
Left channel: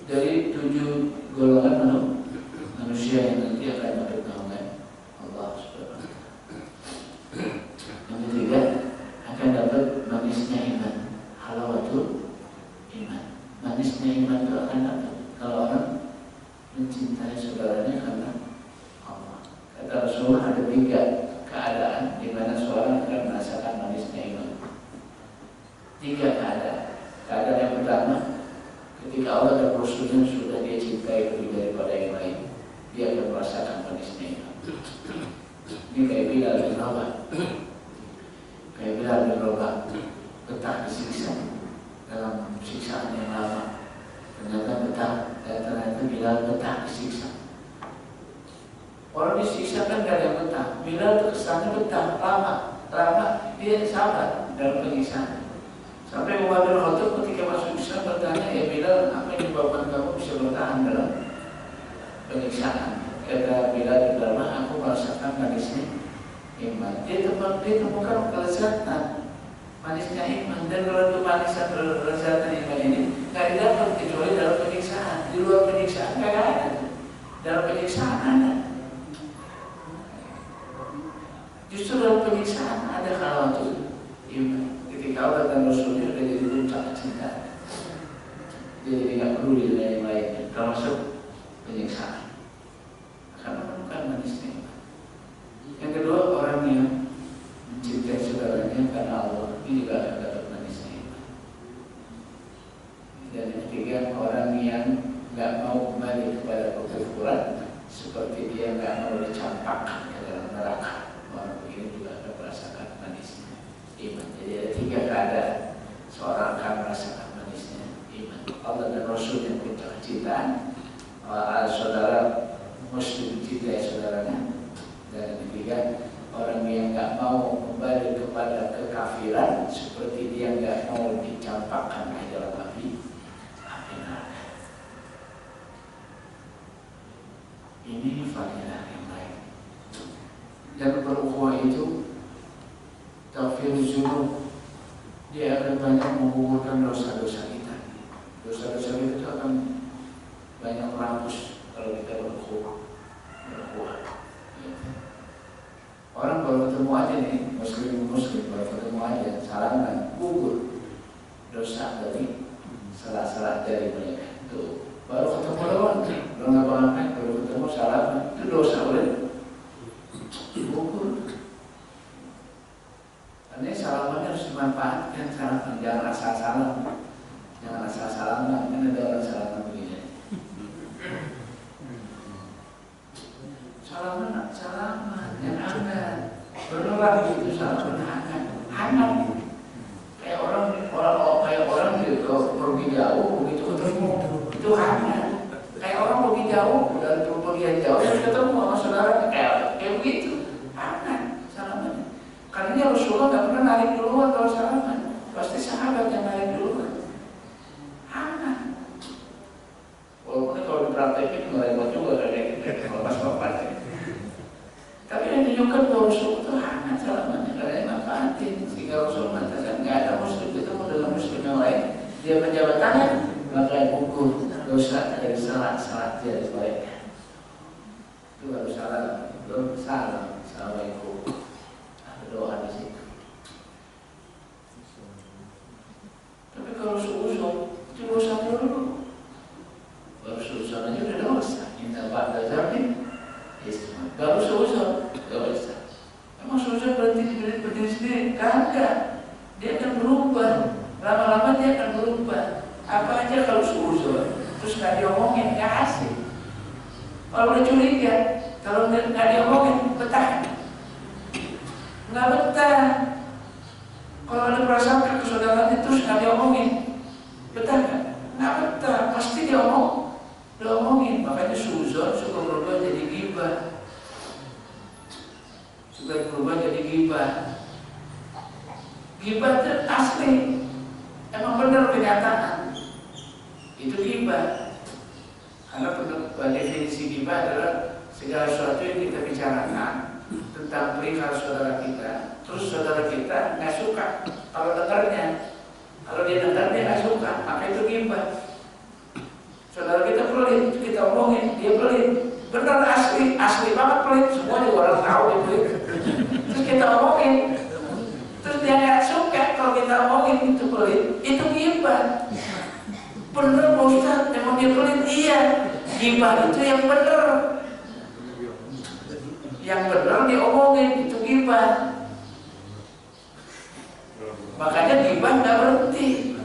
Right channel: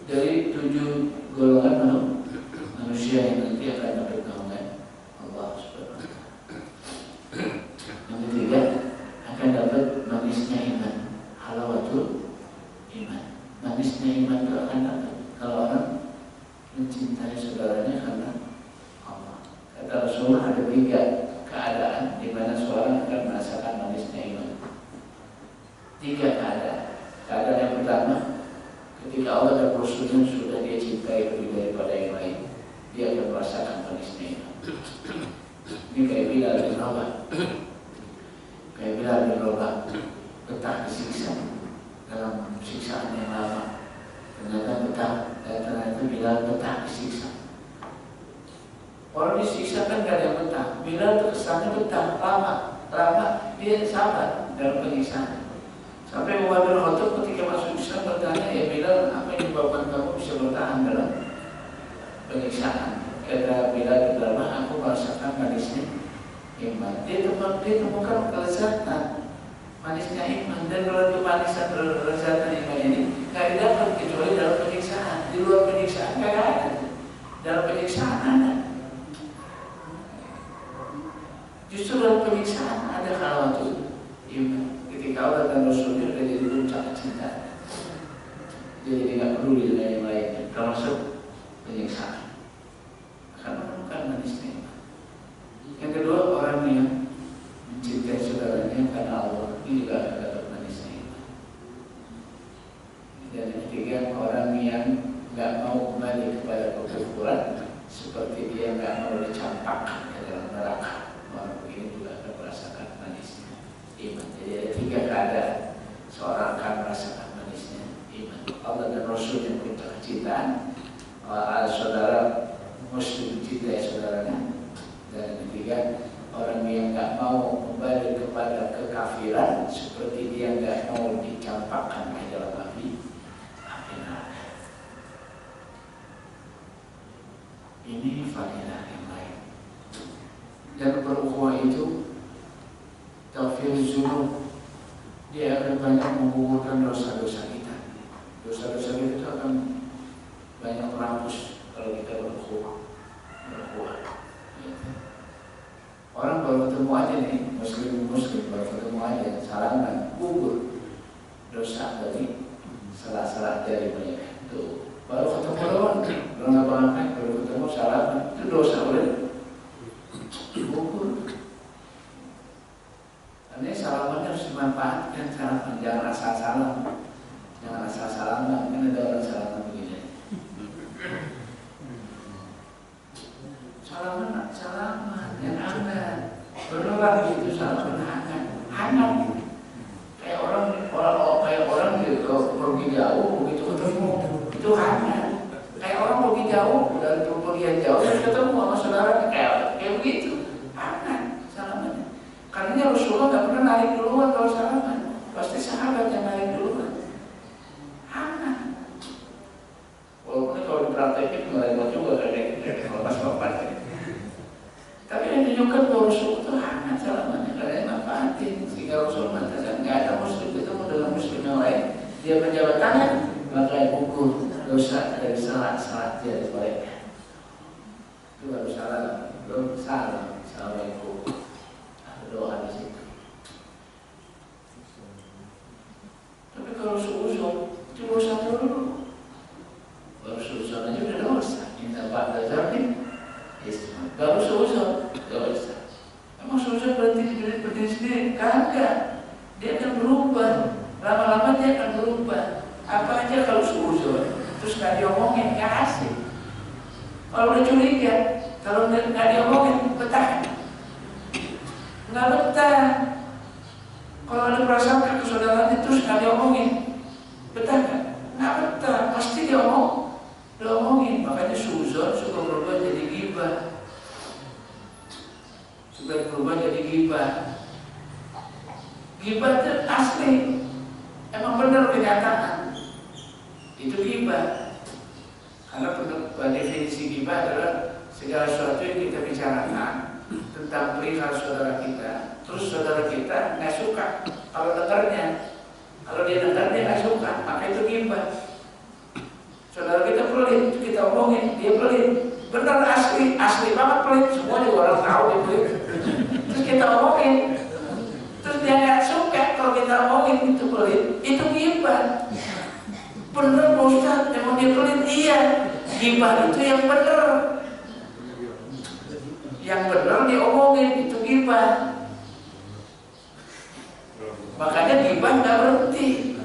dari 7 golongan manusia yang nanti akan dapat naungan Allah Subhanahu Wa Taala. Yang ketiga, akan dapat manisnya iman, halawatul iman. Manisnya iman itu akan dapat kalau orang mencintai saudaranya karena Allah. Kata Rasulullah ada 3 keadaan di mana seorang akan merasakan manisnya iman. 3 keadaan. Keadaan yang pertama, ketika Allah dan Rasulnya sudah dia cintai lebih daripada yang lain, dia akan merasakan manisnya iman. Ini kayak Bilal bin Rabah. Kayak Bilal bin Rabah betah disiksa dalam siksaan yang lama. Ternyata Bilal betah disiksa. Orang disiksa kan gak ada yang betah. Bilal kesannya betah, lama dia sabar dalam penyiksaan. Sampai Umar bin Khattab ketika masuk Islam bertanya, ya Bilal, apa yang menyebabkan kamu bisa bertahan dalam penyiksaan? Kata Bilal bin Rabah, aku merasakan manisnya iman. Dia temukan kelezatan manisnya iman. Dan kalau itu manisan kelezatan iman ini nggak didapat kecuali dalam penyiksaan. Di luar penyiksaan nggak ada. Dalam penyiksaan ada. Justru dalam penyiksaan ada halawatul iman. Ketika Allah dan Rasulnya sudah jadi puncak cinta, dia jadi nggak peduli dengan yang lainnya, termasuk penyiksaan. Akan menemukan manisnya iman. Yang kedua, orang yang mencintai saudaranya karena Allah, ini juga akan dapat manisnya iman. Dan yang ketiga, orang yang nggak mau kembali kepada kekufuran, seperti dia nggak mau dicampakkan ke dalam neraka. Orang begini juga akan merasakan manisnya iman. Jadi ada 3 keadaan seorang akan merasakan manisnya iman. Allah dan Rasul yang puncak kecintaan, saudara Muslim cintai saudaranya. Dan yang ketiga, orang yang nggak mau kembali kepada kekafiran, seperti dia nggak mau dicampakkan ke dalam api neraka. Ini fadilah yang lain. Dan berukhuwah itu taghfir dzunub, dia akan banyak menggugurkan dosa-dosa kita. Dosa-dosa kita itu akan banyak terhapus kalau kita berukhuwah. Orang baru ketemu aja nih, muslim baru ketemu aja, salaman, gugur dosa dari dari mereka. Tuh, baru ketemu lawan, belum ngapa-ngapain, baru ketemu salaman, itu dosa boleh gugur. Karena salaman harus dimanfaatkan, salaman jangan asal salam, jangan asal salaman, kan ada orang salaman begini. Salaman yang hangat, beneran gitu salaman hangat. Kayak orang gitu, kalau pergi jauh begitu ketemu itu hangat. Kayak orang pergi jauh dari pergian jauh terus ketemu sama saudara kayak begitu hangat salamannya. Karena Rasulullah nggak pernah narik duluan kalau salaman, pasti sahabat yang narik duluan. Hangat. Walaupun kalau dipraktekin mereka juga kayak gitu, kalau pas bapak. Tapi yang tunjukkan bahwa Rasul itu hangat salamannya karena manfaatin. Sehingga Rasul mengatakan nggak ada muslim ketemu dengan muslim yang lain, dia menjabat tangan maka yang gugur dosa dari salat dia sebaliknya. Itu baru salam, belum salam. Assalamualaikum. Ada doa di situ. Tapi kalau suuzon itu dosa dulu. Baru suuzon aja udah dosa. Minta Pak Dazarni. Baru suuzon dosa. Emang suuzon berhenti berdiri sendiri? Kagak. Dia akan berubah. Lama-lama dia akan berubah. Apa aja kalau suuzon terus nggak diomongin nggak asik. Kalau udah curiga, kalau nggak diomongin betah. Nggak betah. Kalau ada perasaan ke saudaranya terus nggak diomongin, betah nggak? Nggak betah. Pasti diomongin. Makanya suuzon suka berubah jadi ghibah. Suka berubah jadi ghibah. Ghibah itu asli. Emang benar kenyataan. Itu ghibah. Karena definisi ghibah adalah segala sesuatu yang kita bicarakan tentang perihal saudara kita, terus saudara kita nggak suka kalau dengarnya. Kalau dia dengar dia nggak suka, maka itu ghibah. Saudara kita pelit, kita omongin, dia pelit. Benar asli banget pelit. Semua juga orang tahu dia pelit. Terus kita omongin, terus dia nggak suka kalau kita omongin itu pelit, itu ghibah. Bener Pak Ustaz, emang dia pelit? Iya, ghibah itu yang bener. Yang bener diomongin, itu ghibah. Makanya ghibah nggak berhenti.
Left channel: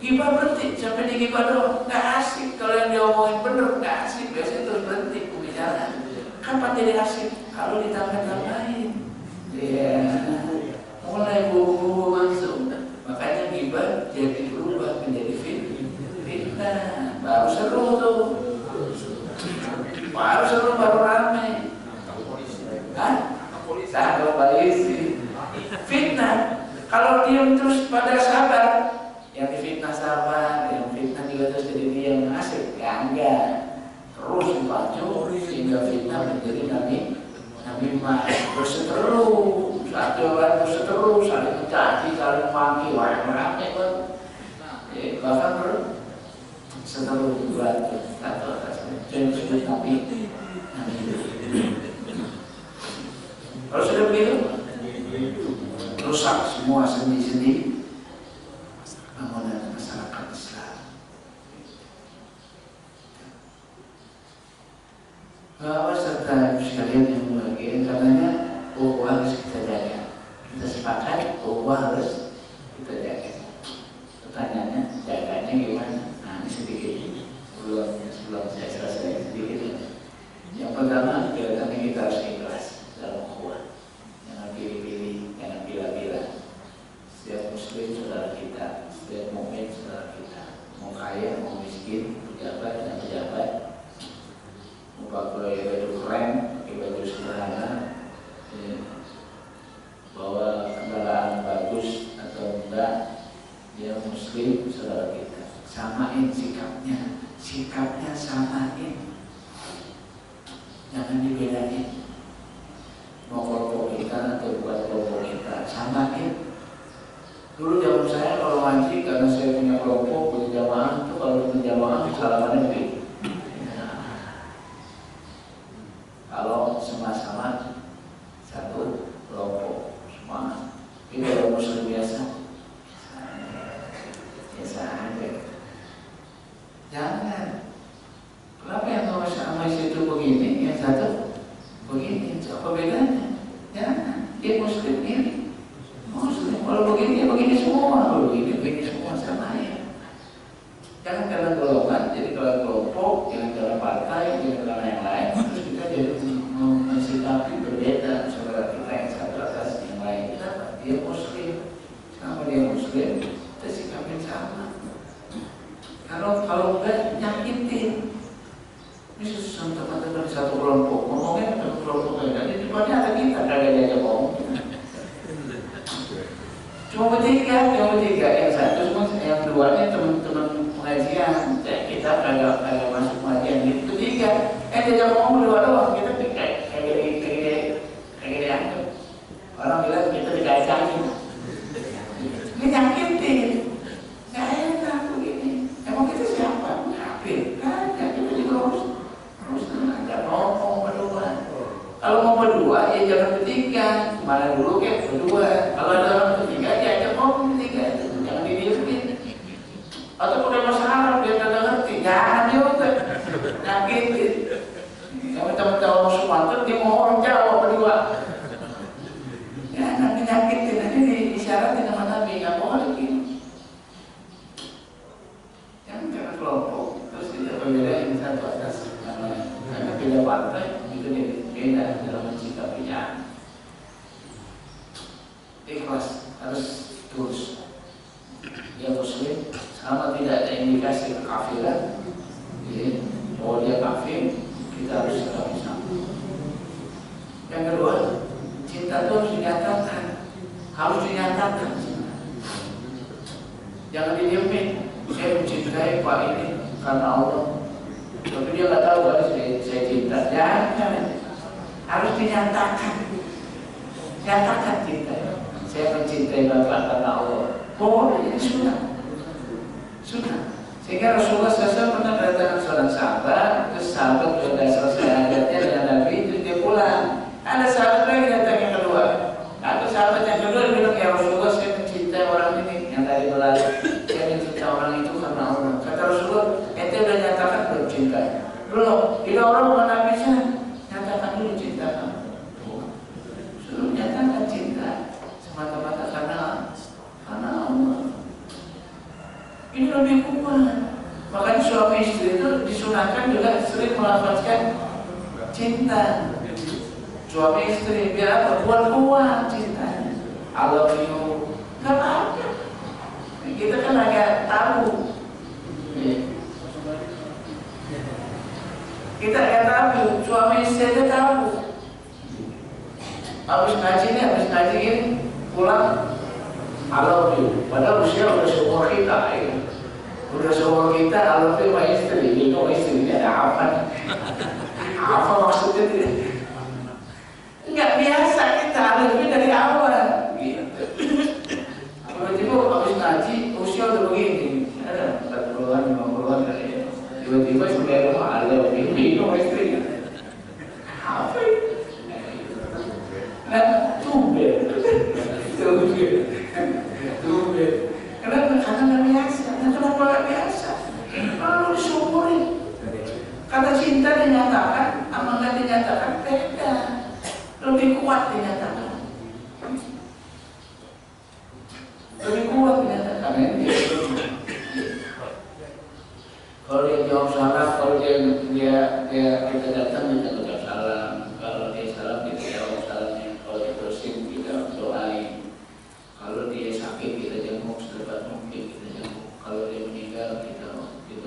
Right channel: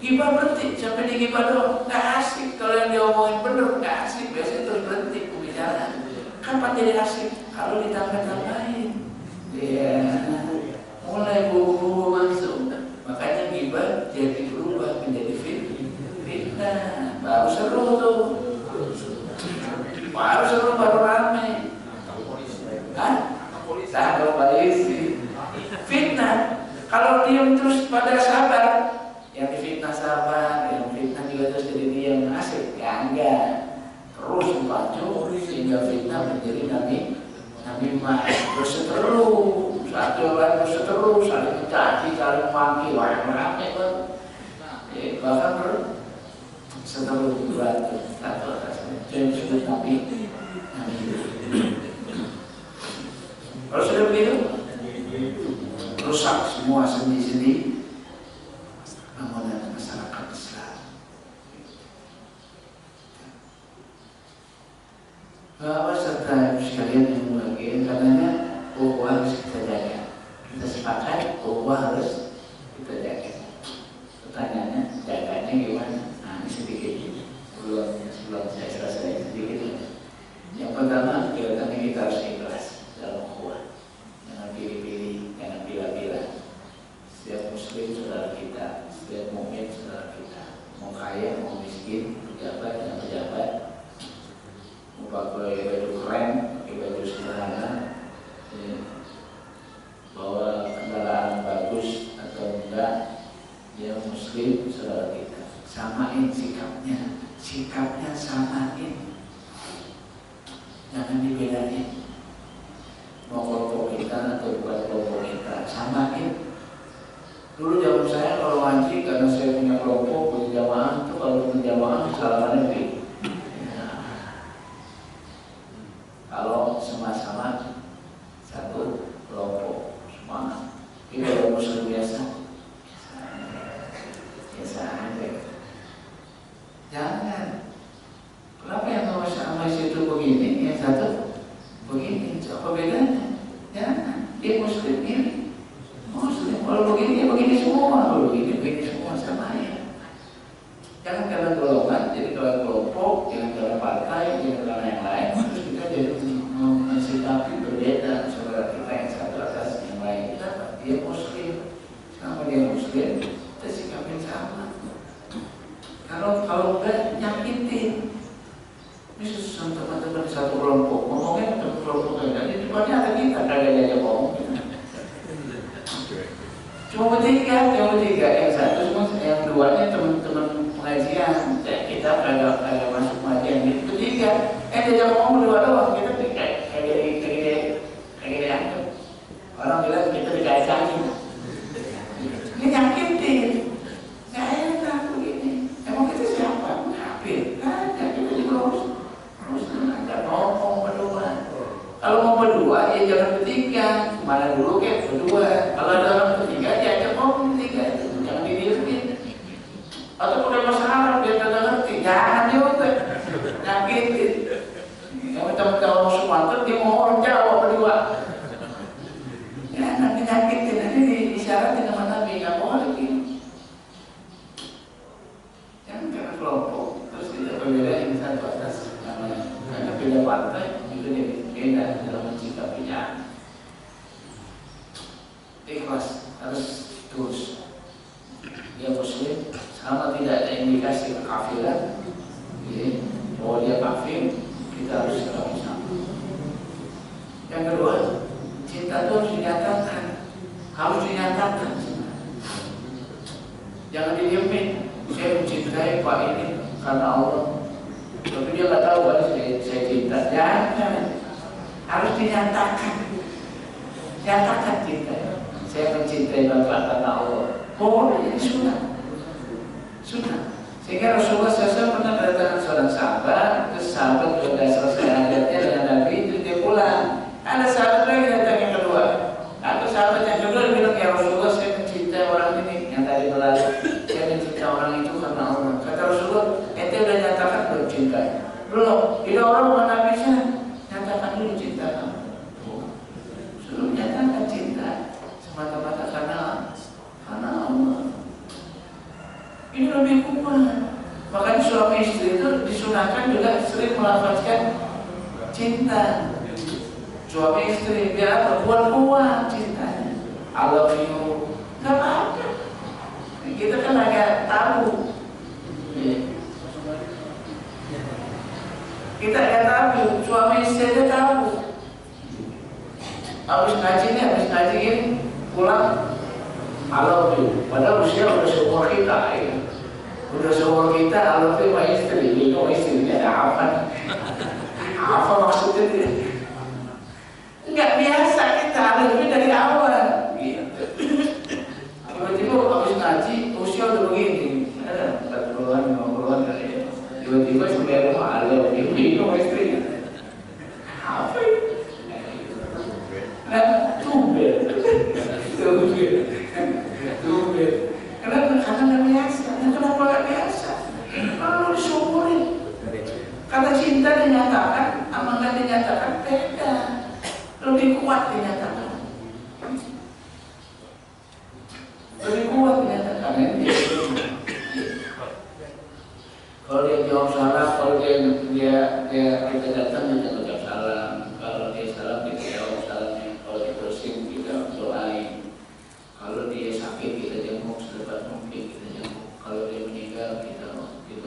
Ghibah berhenti, sampai di ghibah doang nggak asik. Kalau yang diomongin bener nggak asik, biasanya terus berhenti pembicaraan. Kapan jadi asik? Kalau ditambah-tambahin. Iya, mulai bumbu masuk. Makanya ghibah jadi berubah menjadi fitnah. Baru seru tuh. Baru seru, baru rame. Hah? Ada polisi. Fitnah. Kalau diam terus pada sabar, yang difitnah sabar, yang fitnah juga terus jadi diam asik. Ya enggak. Terus maju sehingga fitnah menjadi namimah. Berseteru. Satu orang berseteru, saling mencaci, saling maki, wah yang rame kan. Bahkan berseteru beratur atau jadi disebut nabi. Kalau sudah begitu, rusak semua sendi-sendi bangunan masyarakat Islam. Bahwa serta sekalian yang bahagia, karenanya ukhuwah harus kita jaga. Kita sepakat ukhuwah harus kita jaga. Pertanyaannya, jaganya gimana? Nah, ini sedikit sebelum saya selesai sedikit. Yang pertama, kelihatannya kita harus ikhlas dalam ukhuwah. Jangan pilih-pilih, jangan pilih-pilih. Setiap muslim saudara kita, setiap mukmin saudara kita. Mau kaya, mau miskin, pejabat, dan pejabat. Mau pakai baju keren, pakai baju sederhana, bahwa kendaraan bagus atau enggak, dia muslim saudara kita. Samain sikapnya samain, jangan dibedain. Mau kelompok kita atau bukan kelompok kita, samain. Dulu zaman saya kalau ngaji, karena saya punya kelompok, punya jamaah, itu kalau punya jamaah salamannya begitu. Kalau sama-sama satu kelompok semua, ini kalau muslim biasa muslim kita sikapin sama. Kalau enggak nyakitin. Ini teman-teman satu kelompok ngomongnya satu kelompok lain. Di depannya ada kita kagak diajak ngomong. Cuma bertiga, yang satu cuma yang duanya teman-teman pengajian. Kita kagak masuk pengajian gitu. Bertiga, diajak ngomong berdua doang. Kita kayak dianggap. Orang bilang kita dikacangin. Ini nyakitin. Nggak enak begini. Emang kita siapa? Kafir. Kagak, kita juga harus nggak ngomong berdua. Kalau mau berdua, ya jangan bertiga. Mana dulu kayak berdua. Kalau ada orang bertiga, ya ajak ngomong bertiga. Jangan didiemin. Atau pakai bahasa Arab, biar kagak ngerti. Jangan juga. Nyakitin. Kalau teman-teman Sumatera, dia mau orang Jawa berdua. Ya, nanti nyakitin. Nanti diisyaratin sama Nabi. Nggak boleh gitu. Jangan kelompok. Terus kita pembedain satu atas. Karena beda partai, itu beda dalam mencikapinya. Ikhlas harus terus. Dia muslim sama tidak ada indikasi kekafiran, bahwa dia kafir, kita harus sikapi sama. Yang kedua, cinta itu harus dinyatakan, jangan didiemin. Saya mencintai Pak ini karena Allah, tapi dia nggak tahu kalau saya cinta. Jangan, harus dinyatakan. Nyatakan cinta. Saya mencintai Bapak karena Allah. Boleh, ini sunnah. Sehingga Rasulullah SAW pernah datang seorang sahabat, terus sahabat sudah selesai hajatnya dengan Nabi, itu dia pulang. Ada sahabat lagi datang yang kedua. Atau sahabat yang kedua bilang, ya Rasulullah, saya mencintai orang ini yang tadi berlalu. Saya mencintai orang itu karena Allah. Kata Rasulullah, ente udah nyatakan belum cinta? Belum. Tidak orang bukan Nabi saya nyatakan dulu cinta kamu. Suruh nyatakan cinta semata-mata karena Allah. Ini lebih kuat. Makanya suami istri itu disunahkan juga sering melafazkan cinta. Suami istri biar apa? Kuat cintanya. I love you. Gak apa-apa. Kita kan agak tabu. Kita agak tabu. Suami istri aja tabu. Habis ngaji ini pulang I love you. Padahal usia udah seumur kita ya. Udah seumur kita I love you sama istri. Itu istrinya ada apa? Apa maksudnya dia? Enggak biasa kita ada lebih dari awal gitu. Tiba-tiba habis ngaji usia udah begini. Ada 40-an, 50-an kali ya. Tiba-tiba sampai rumah I love you sama istrinya. Apa itu? Nah, tumben. Kenapa? Karena nggak biasa. Kenapa nggak biasa? Kalau disyukurin. Kata cinta dinyatakan, sama nggak dinyatakan beda. Lebih kuat dinyatakan. Kalau dia jawab salah, kalau kita datang kita ucap salam. Kalau dia salam kita jawab salamnya. Kalau dia bersin kita doain. Kalau dia sakit kita jenguk secepat mungkin kita jenguk. Kalau dia meninggal kita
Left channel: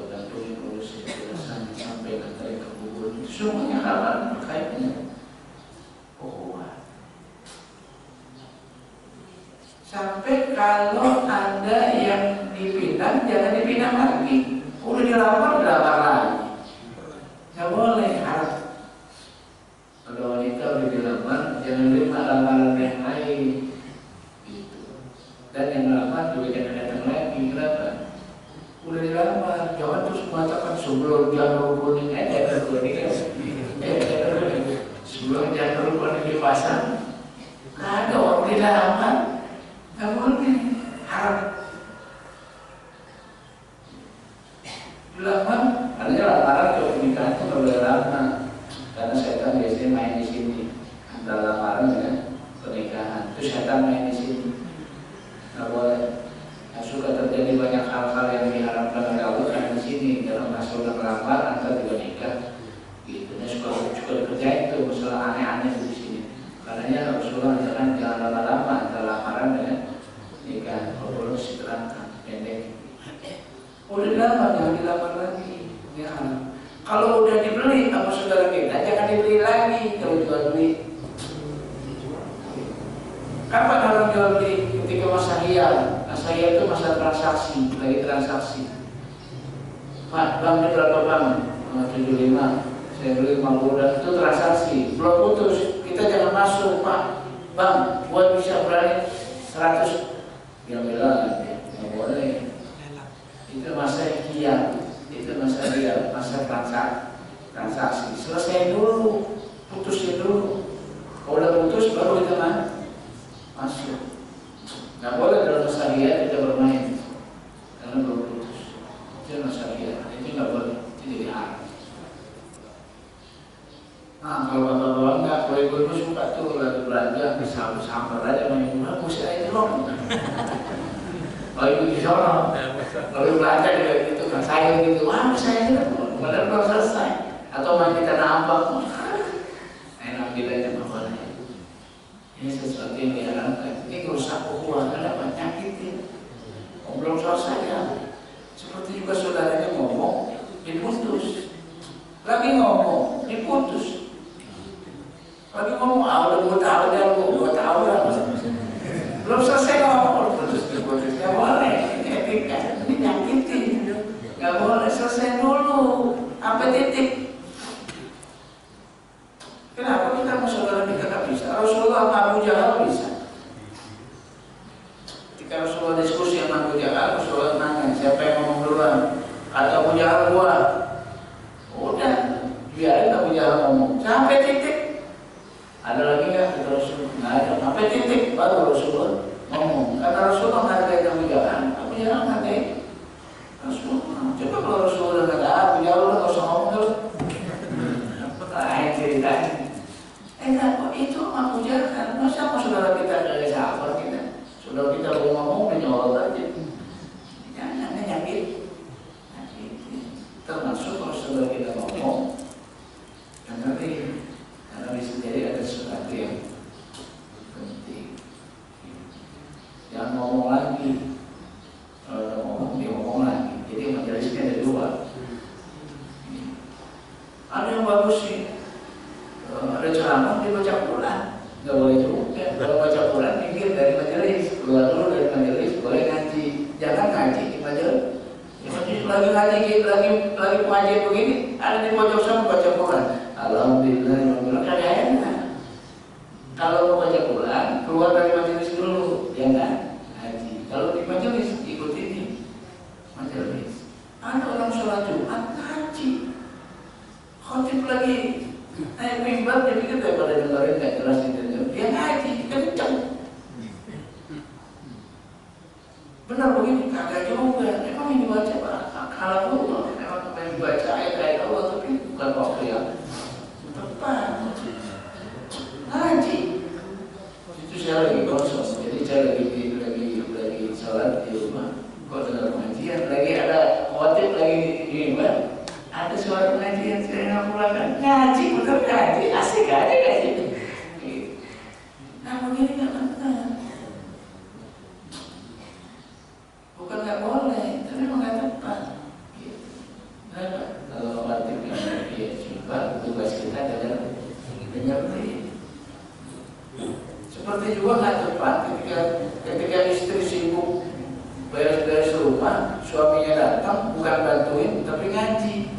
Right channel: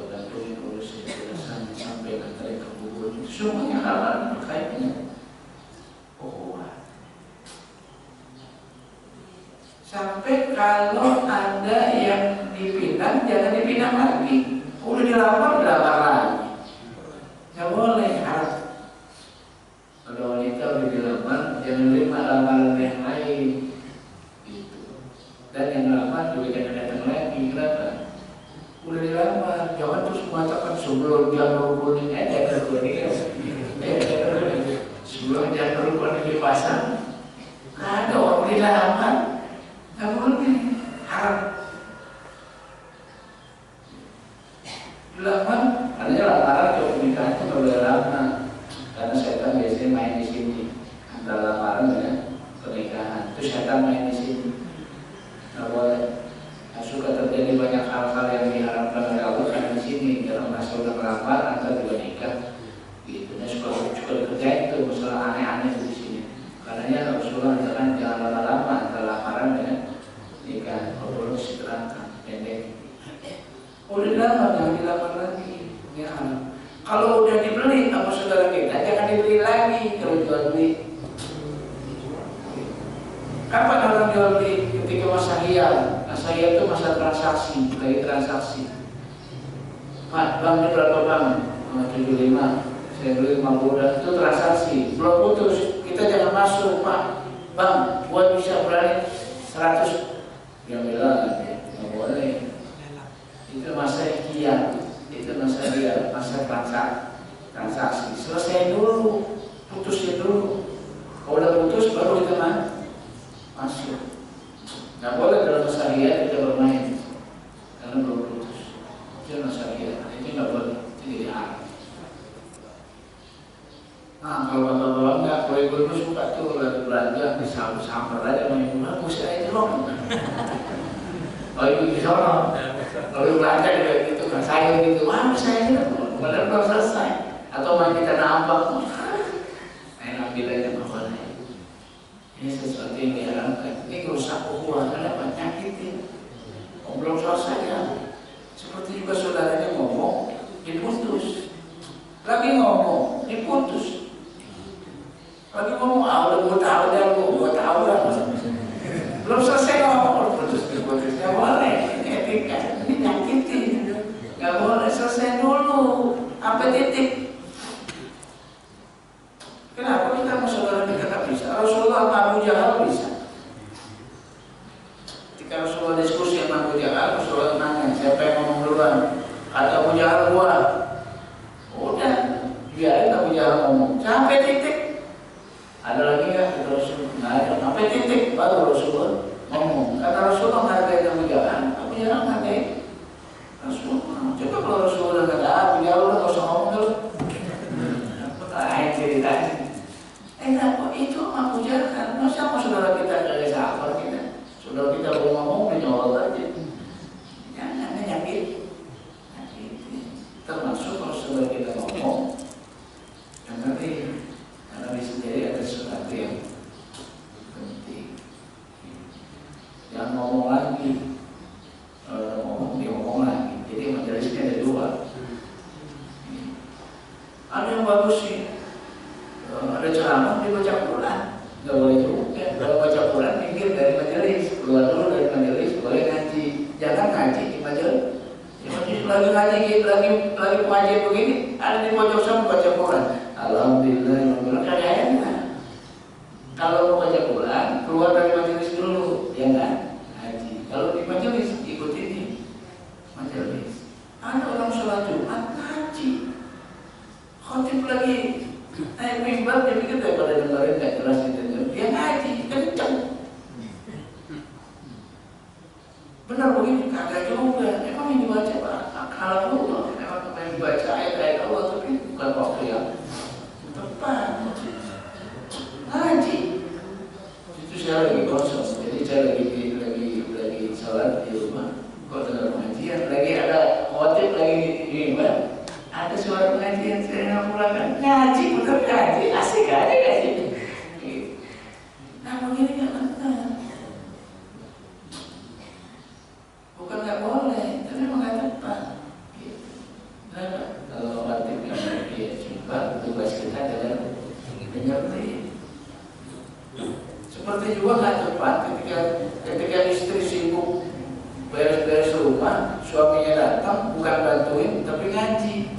bantuin urus jenazahnya sampai nanti ke kubur. Semuanya hal-hal terkaitnya. Sampai kalau ada yang dipinang, jangan dipinang lagi. Udah dilamar lagi. Gak boleh harap. Kalau wanita udah dilamar, jangan terima lamaran yang lain. Dan yang lama juga jangan datang lagi. Kenapa? Udah dilamar, jangan terus mengatakan sebelum janur kuning janur kuning sebelum janur kuning dipasang, ada orang dilamar, nggak boleh harap dilamar. Artinya lamaran ke pernikahan itu nggak boleh lama, karena setan biasanya main di sini antara lamaran dengan pernikahan. Itu setan main di sini. Nggak boleh. Nah, suka terjadi banyak hal-hal yang diharapkan oleh Allah karena di sini dalam masa udah melamar antar juga nikah. Gitu. Nah, suka dikerjain tuh masalah aneh-aneh di sini. Karenanya Rasulullah mengatakan jangan lama-lama antara lamaran dengan nikah. Kalau dilamar, jangan dilamar lagi. Ya. Kalau udah dibeli sama saudara kita, jangan dibeli lagi kalau jual beli. Kapan orang jual beli? Ketika masa hiyal. Masa hiyal itu masa transaksi, lagi transaksi. Pak, banknya berapa bang? 75. Saya beli 50, itu transaksi. Belum putus, kita jangan masuk, Pak. Bang, buat bisa berani 100. Dia bilang, nggak boleh. Itu masa hiyal, itu masa hiyal, masa transaksi. Selesai dulu, putusin dulu. Kalau udah putus, baru kita masuk. Nggak boleh dalam masa hiyal kita bermain, karena belum putus. Itu masa hiyal, itu nggak boleh, itu jadi haram. Nah, kalau bapak-bapak enggak, kalau ibu suka tuh lagi belanja, disamper aja sama ibu, mesti aja dong. Kalau ibu di sono, kalau belanja juga gitu, kan saya gitu, wah saya aja, padahal belum selesai. Atau main di tanah abang, enak bilangnya bapaknya. Ini sesuatu yang diharamkan. Ini merusak ukhuwah, kenapa? Nyakitin. Belum selesai ya. Seperti juga saudaranya ngomong, diputus. Lagi ngomong, diputus. Lagi ngomong, udah 2 tahun ya, 2 tahun ya. Belum selesai ngomong, putus. Gak boleh, ini etika, ini nyakitin. Gak boleh, selesai dulu, sampai titik. Kenapa kita sama saudara kita gak bisa? Rasulullah sama Abu Jahal bisa. Ketika Rasulullah diskusi sama Abu Jahal, Rasulullah nanya, siapa yang ngomong duluan? Kata Abu Jahal, gua. Udah, biarin Abu Jahal ngomong sampai titik. Ada lagi nggak? Kata Rasul, nggak ada. Sampai titik baru Rasulullah ngomong. Karena Rasulullah menghargai Abu Jahal, Abu Jahal menghargai Rasulullah. Coba kalau Rasulullah nggak ada, Abu Jahal udah nggak usah ngomong dulu. Lain ceritanya. Kok itu Abu Jahal kan? Masa mau saudara kita dari sahabat kita? Saudara kita mau ngomong menyolot aja. Jangan nyakit. Termasuk kalau saudara kita ngomong, yang penting karena di sendiri ada sesuatu yang penting. Jangan ngomong lagi. Kalau ngomong dia ngomong lagi. Jadi majelisnya ada 2. Ada yang bagus sih. Ada ceramah dia baca Quran. Nggak boleh juga. Kalau baca Quran minggir dari majelis, keluar dulu dari majelis, boleh ngaji. Jangan ngaji di majelis. Lagi ngaji gitu, lagi pengajian begini, ada di pojok sana baca Quran. Alhamdulillah, kagak enak. Kalau mau baca Quran, keluar dari majelis dulu, ya kan? Ngaji. Kalau di majelis, ikuti di majelis. Ada orang sholat Jumat ngaji, khotib lagi naik mimbar, dia pikir daripada dengerin nggak jelas itu, dia ngaji, kenceng. Benar begini, kagak juga. Emang yang dibaca Pak? Kalau Allah, emang yang dibaca ayat-ayat Allah, tapi bukan waktu yang tepat. Ngaji. Itu saya lagi kosong, jadi saya lagi sholat di rumah. Kok dengar pengajian? Lagi ada khotib lagi di mimbar. Ada suara pengajian, saya nggak pulangkan. Ngaji, betul ngaji, asik aja ngaji. Nah begini nggak benar. Bukan nggak boleh, tapi memang nggak tepat. Kenapa? Kalau khotib yang coba tugas kita adalah mengerti. Seperti juga nggak tepat ketika istri sibuk beres-beres rumah, suaminya datang bukan bantuin tapi ngaji.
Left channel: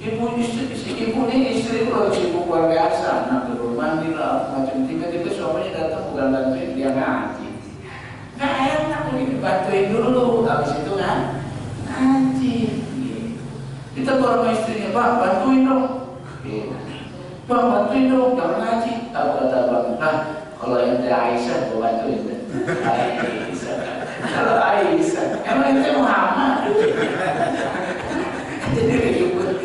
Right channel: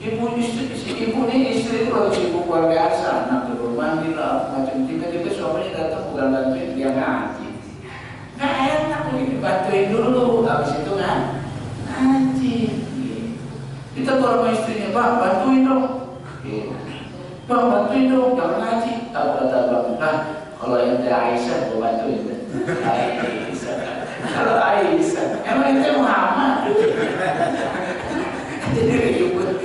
Ibu ini istri itu lagi sibuk luar biasa, anak dulu mandi lah macam tiba-tiba suaminya datang bukan bantuin dia ngaji. Nggak enak begini, bantuin dulu, habis itu ngaji. Kita kalau sama istrinya, Bang bantuin dong. Bang bantuin dong, jangan ngaji. Apa kata Bang? Nah, kalau ente Aisyah, gue bantuin. Aisyah. Kalau Aisyah, emang ente Muhammad. Jadi ribut.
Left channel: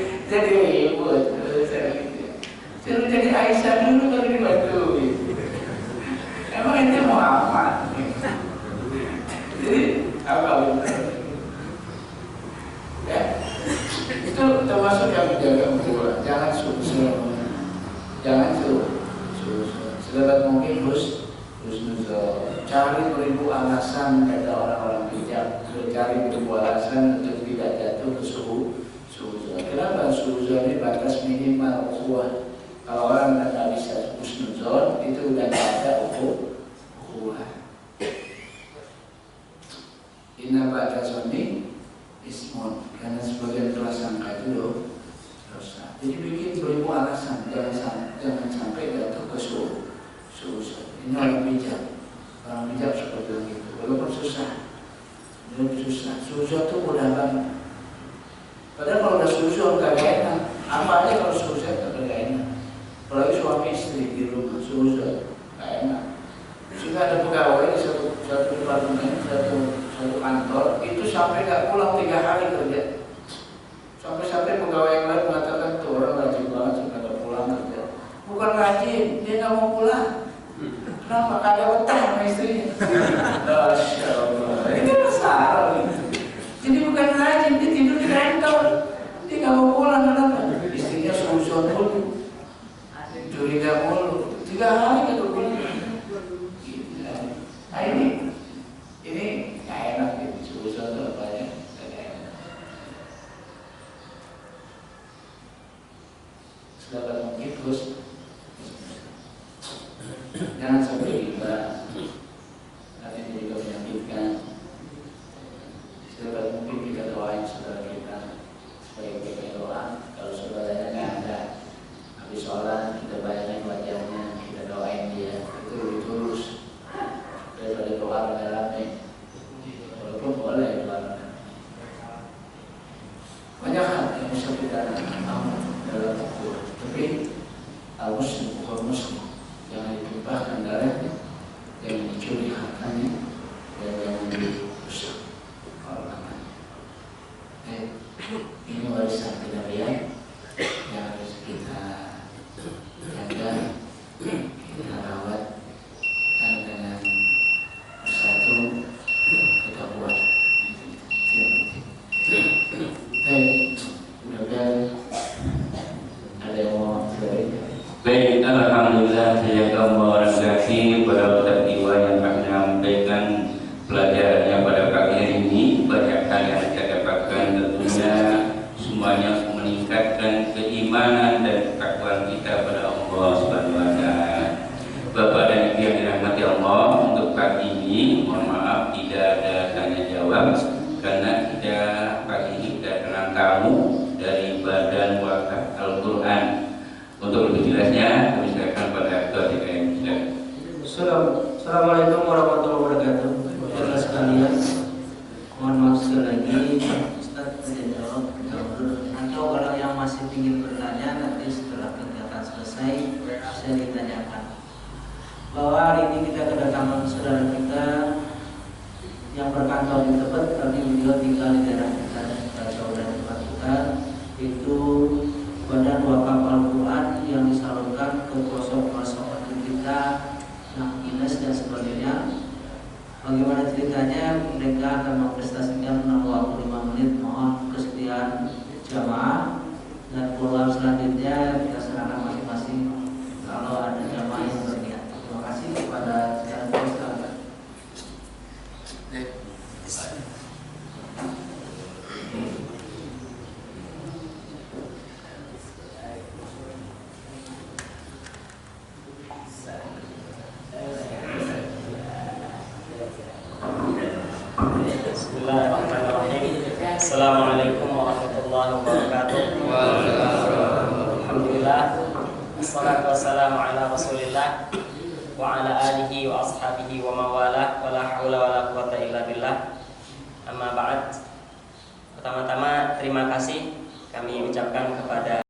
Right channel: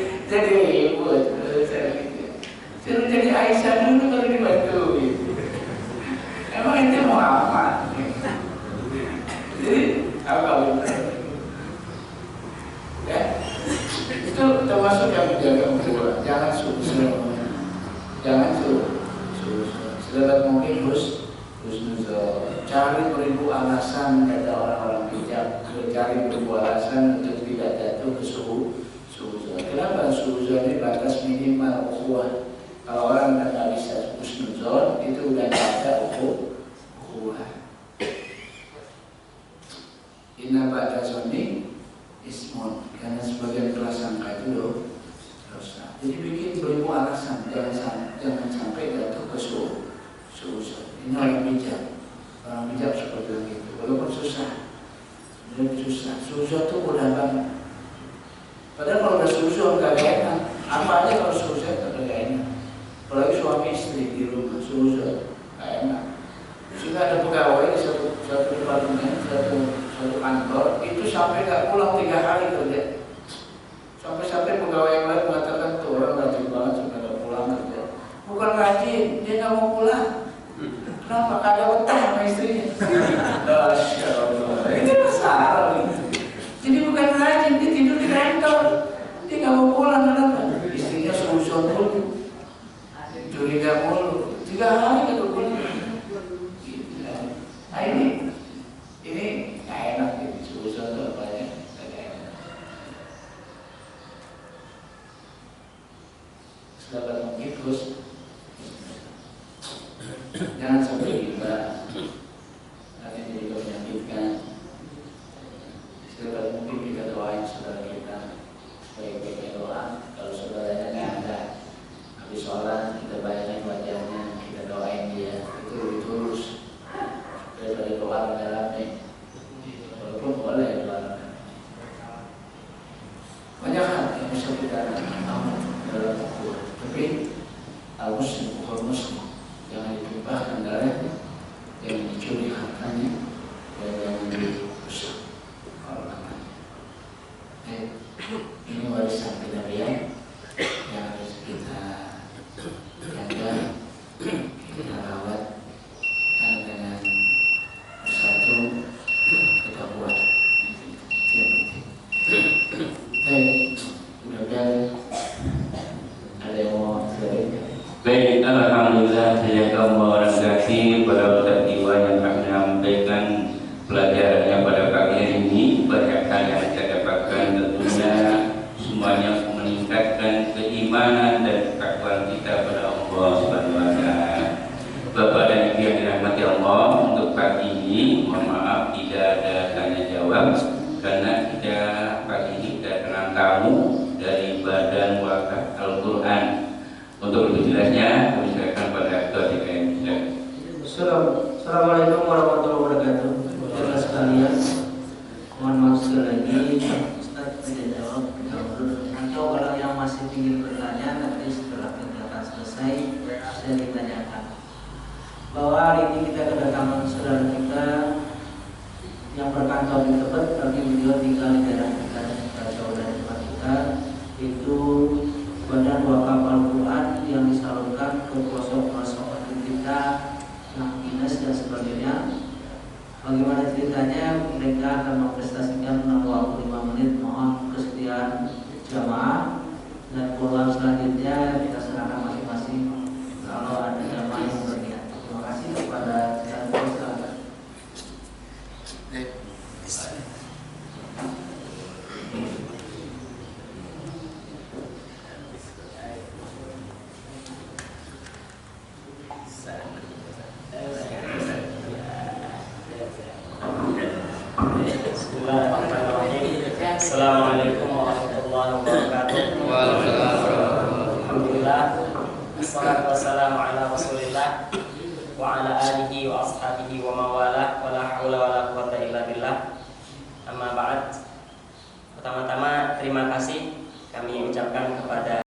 Suruh jadi Aisyah dulu baru dibantuin. Emang ente Muhammad. Jadi apa benar? Ya, itu termasuk yang menjaga ukhuwah. Jangan sedekat mungkin husnuzon. Cari beribu alasan kata orang-orang bijak mencari beralasan untuk tidak jatuh ke suuzon. Kenapa suuzon ini batas minimal ukhuwah? Kalau orang tidak bisa husnuzon itu udah tidak ada ukhuwah. Inna ba'da zonni ismun, karena sebagian prasangka itu dosa. Jadi bikin beribu alasan, jangan sampai jatuh ke suuzon. Ini orang bijak seperti itu. Walaupun susah. Suuzon itu mudah banget. Padahal kalau udah suuzon gak enak. Apa aja kalau suuzon gak enak. Apalagi suami istri di rumah suuzon gak enak. Sehingga ada pegawai di satu departemen, satu kantor itu sampai gak pulang 3 hari kerja. Sampai pegawai yang lain mengatakan tuh orang rajin banget sampai gak pulang kerja. Bukan rajin, dia gak mau pulang. Kenapa? Kagak betah sama istrinya. Masya Allah. Itu masalah. Jadi bukan rajin, dia tidur di kantor. Dia gak mau pulang, kenapa? Istrinya suuzon mulu, curiga mulu. 3 hari gak pulang. Nah ini gak enak gitu. Suuzon itu apa ya? Gak enak. Selamat mungkin terus. Jangan sampai riba, nanti juga menyakitkan. Setiap mungkin kita doain saudara kita supaya kita doa. Kalau saudaranya nggak ada, habis sholat kita bayangin wajahnya, kita doain dia. Itu lebih tulus daripada doa rame-rame. Walaupun boleh doa. Banyak hal yang bisa kita amal dalam ukhuwah. Tapi al-muslim bukan muslim. Jangan ditumpahkan darahnya, jangan dicuri hartanya, dan jangan dirusak kehormatannya. Ini warisan kenabian yang harus kita jaga, kita rawat, dan dengan bersatu kita buat. Mudah-mudahan ada yang mau cerita. Baik, alhamdulillah saya kaum orang kasih pada Ustaz Iwan yang akan menyampaikan pelajarannya pada pagi hari ini. Banyak hal yang saya dapatkan tentunya semuanya meningkatkan keimanan dan ketakwaan kita pada Allah Subhanahu wa taala. Bapak dan Ibu yang dirahmati Allah, untuk pagi ini mohon maaf tidak ada tanya jawab karena kita pagi ini kedatangan tamu dari Badan Wakaf Al-Quran. Untuk lebih jelasnya, kami serahkan pada Ketua DKM. Assalamualaikum warahmatullahi wabarakatuh. Saudara sekalian, mohon maaf sekali lagi, Ustaz tidak jawab. Atau kalau yang masih ingin bertanya, nanti setelah kegiatan selesai bisa ditanyakan. Bahwa hari ini kita kedatangan saudara kita yang berkantor di Tebet, tapi beliau tinggal di daerah kita dan kita jauh dari tempat kita, itu Badan Wakaf Al-Quran yang disalurkan ke pelosok-pelosok kita yang dinas dan sebagainya. Bagaimana ceritanya? Mereka akan memprestasikan 65 menit. Mohon kesediaan jamaah, dan program selanjutnya kita serahkan masing-masing kalau ada jamaah yang berniat. Terima kasih kepada saya. Assalamualaikum warahmatullahi wabarakatuh. Alhamdulillah, wassalatu wassalamu ala rasulillah wa ala alihi wa ashabihi wa mawala wa la hawla wa la quwata illa billah. Amma ba'd. Pertama-tama terima kasih kami ucapkan kepada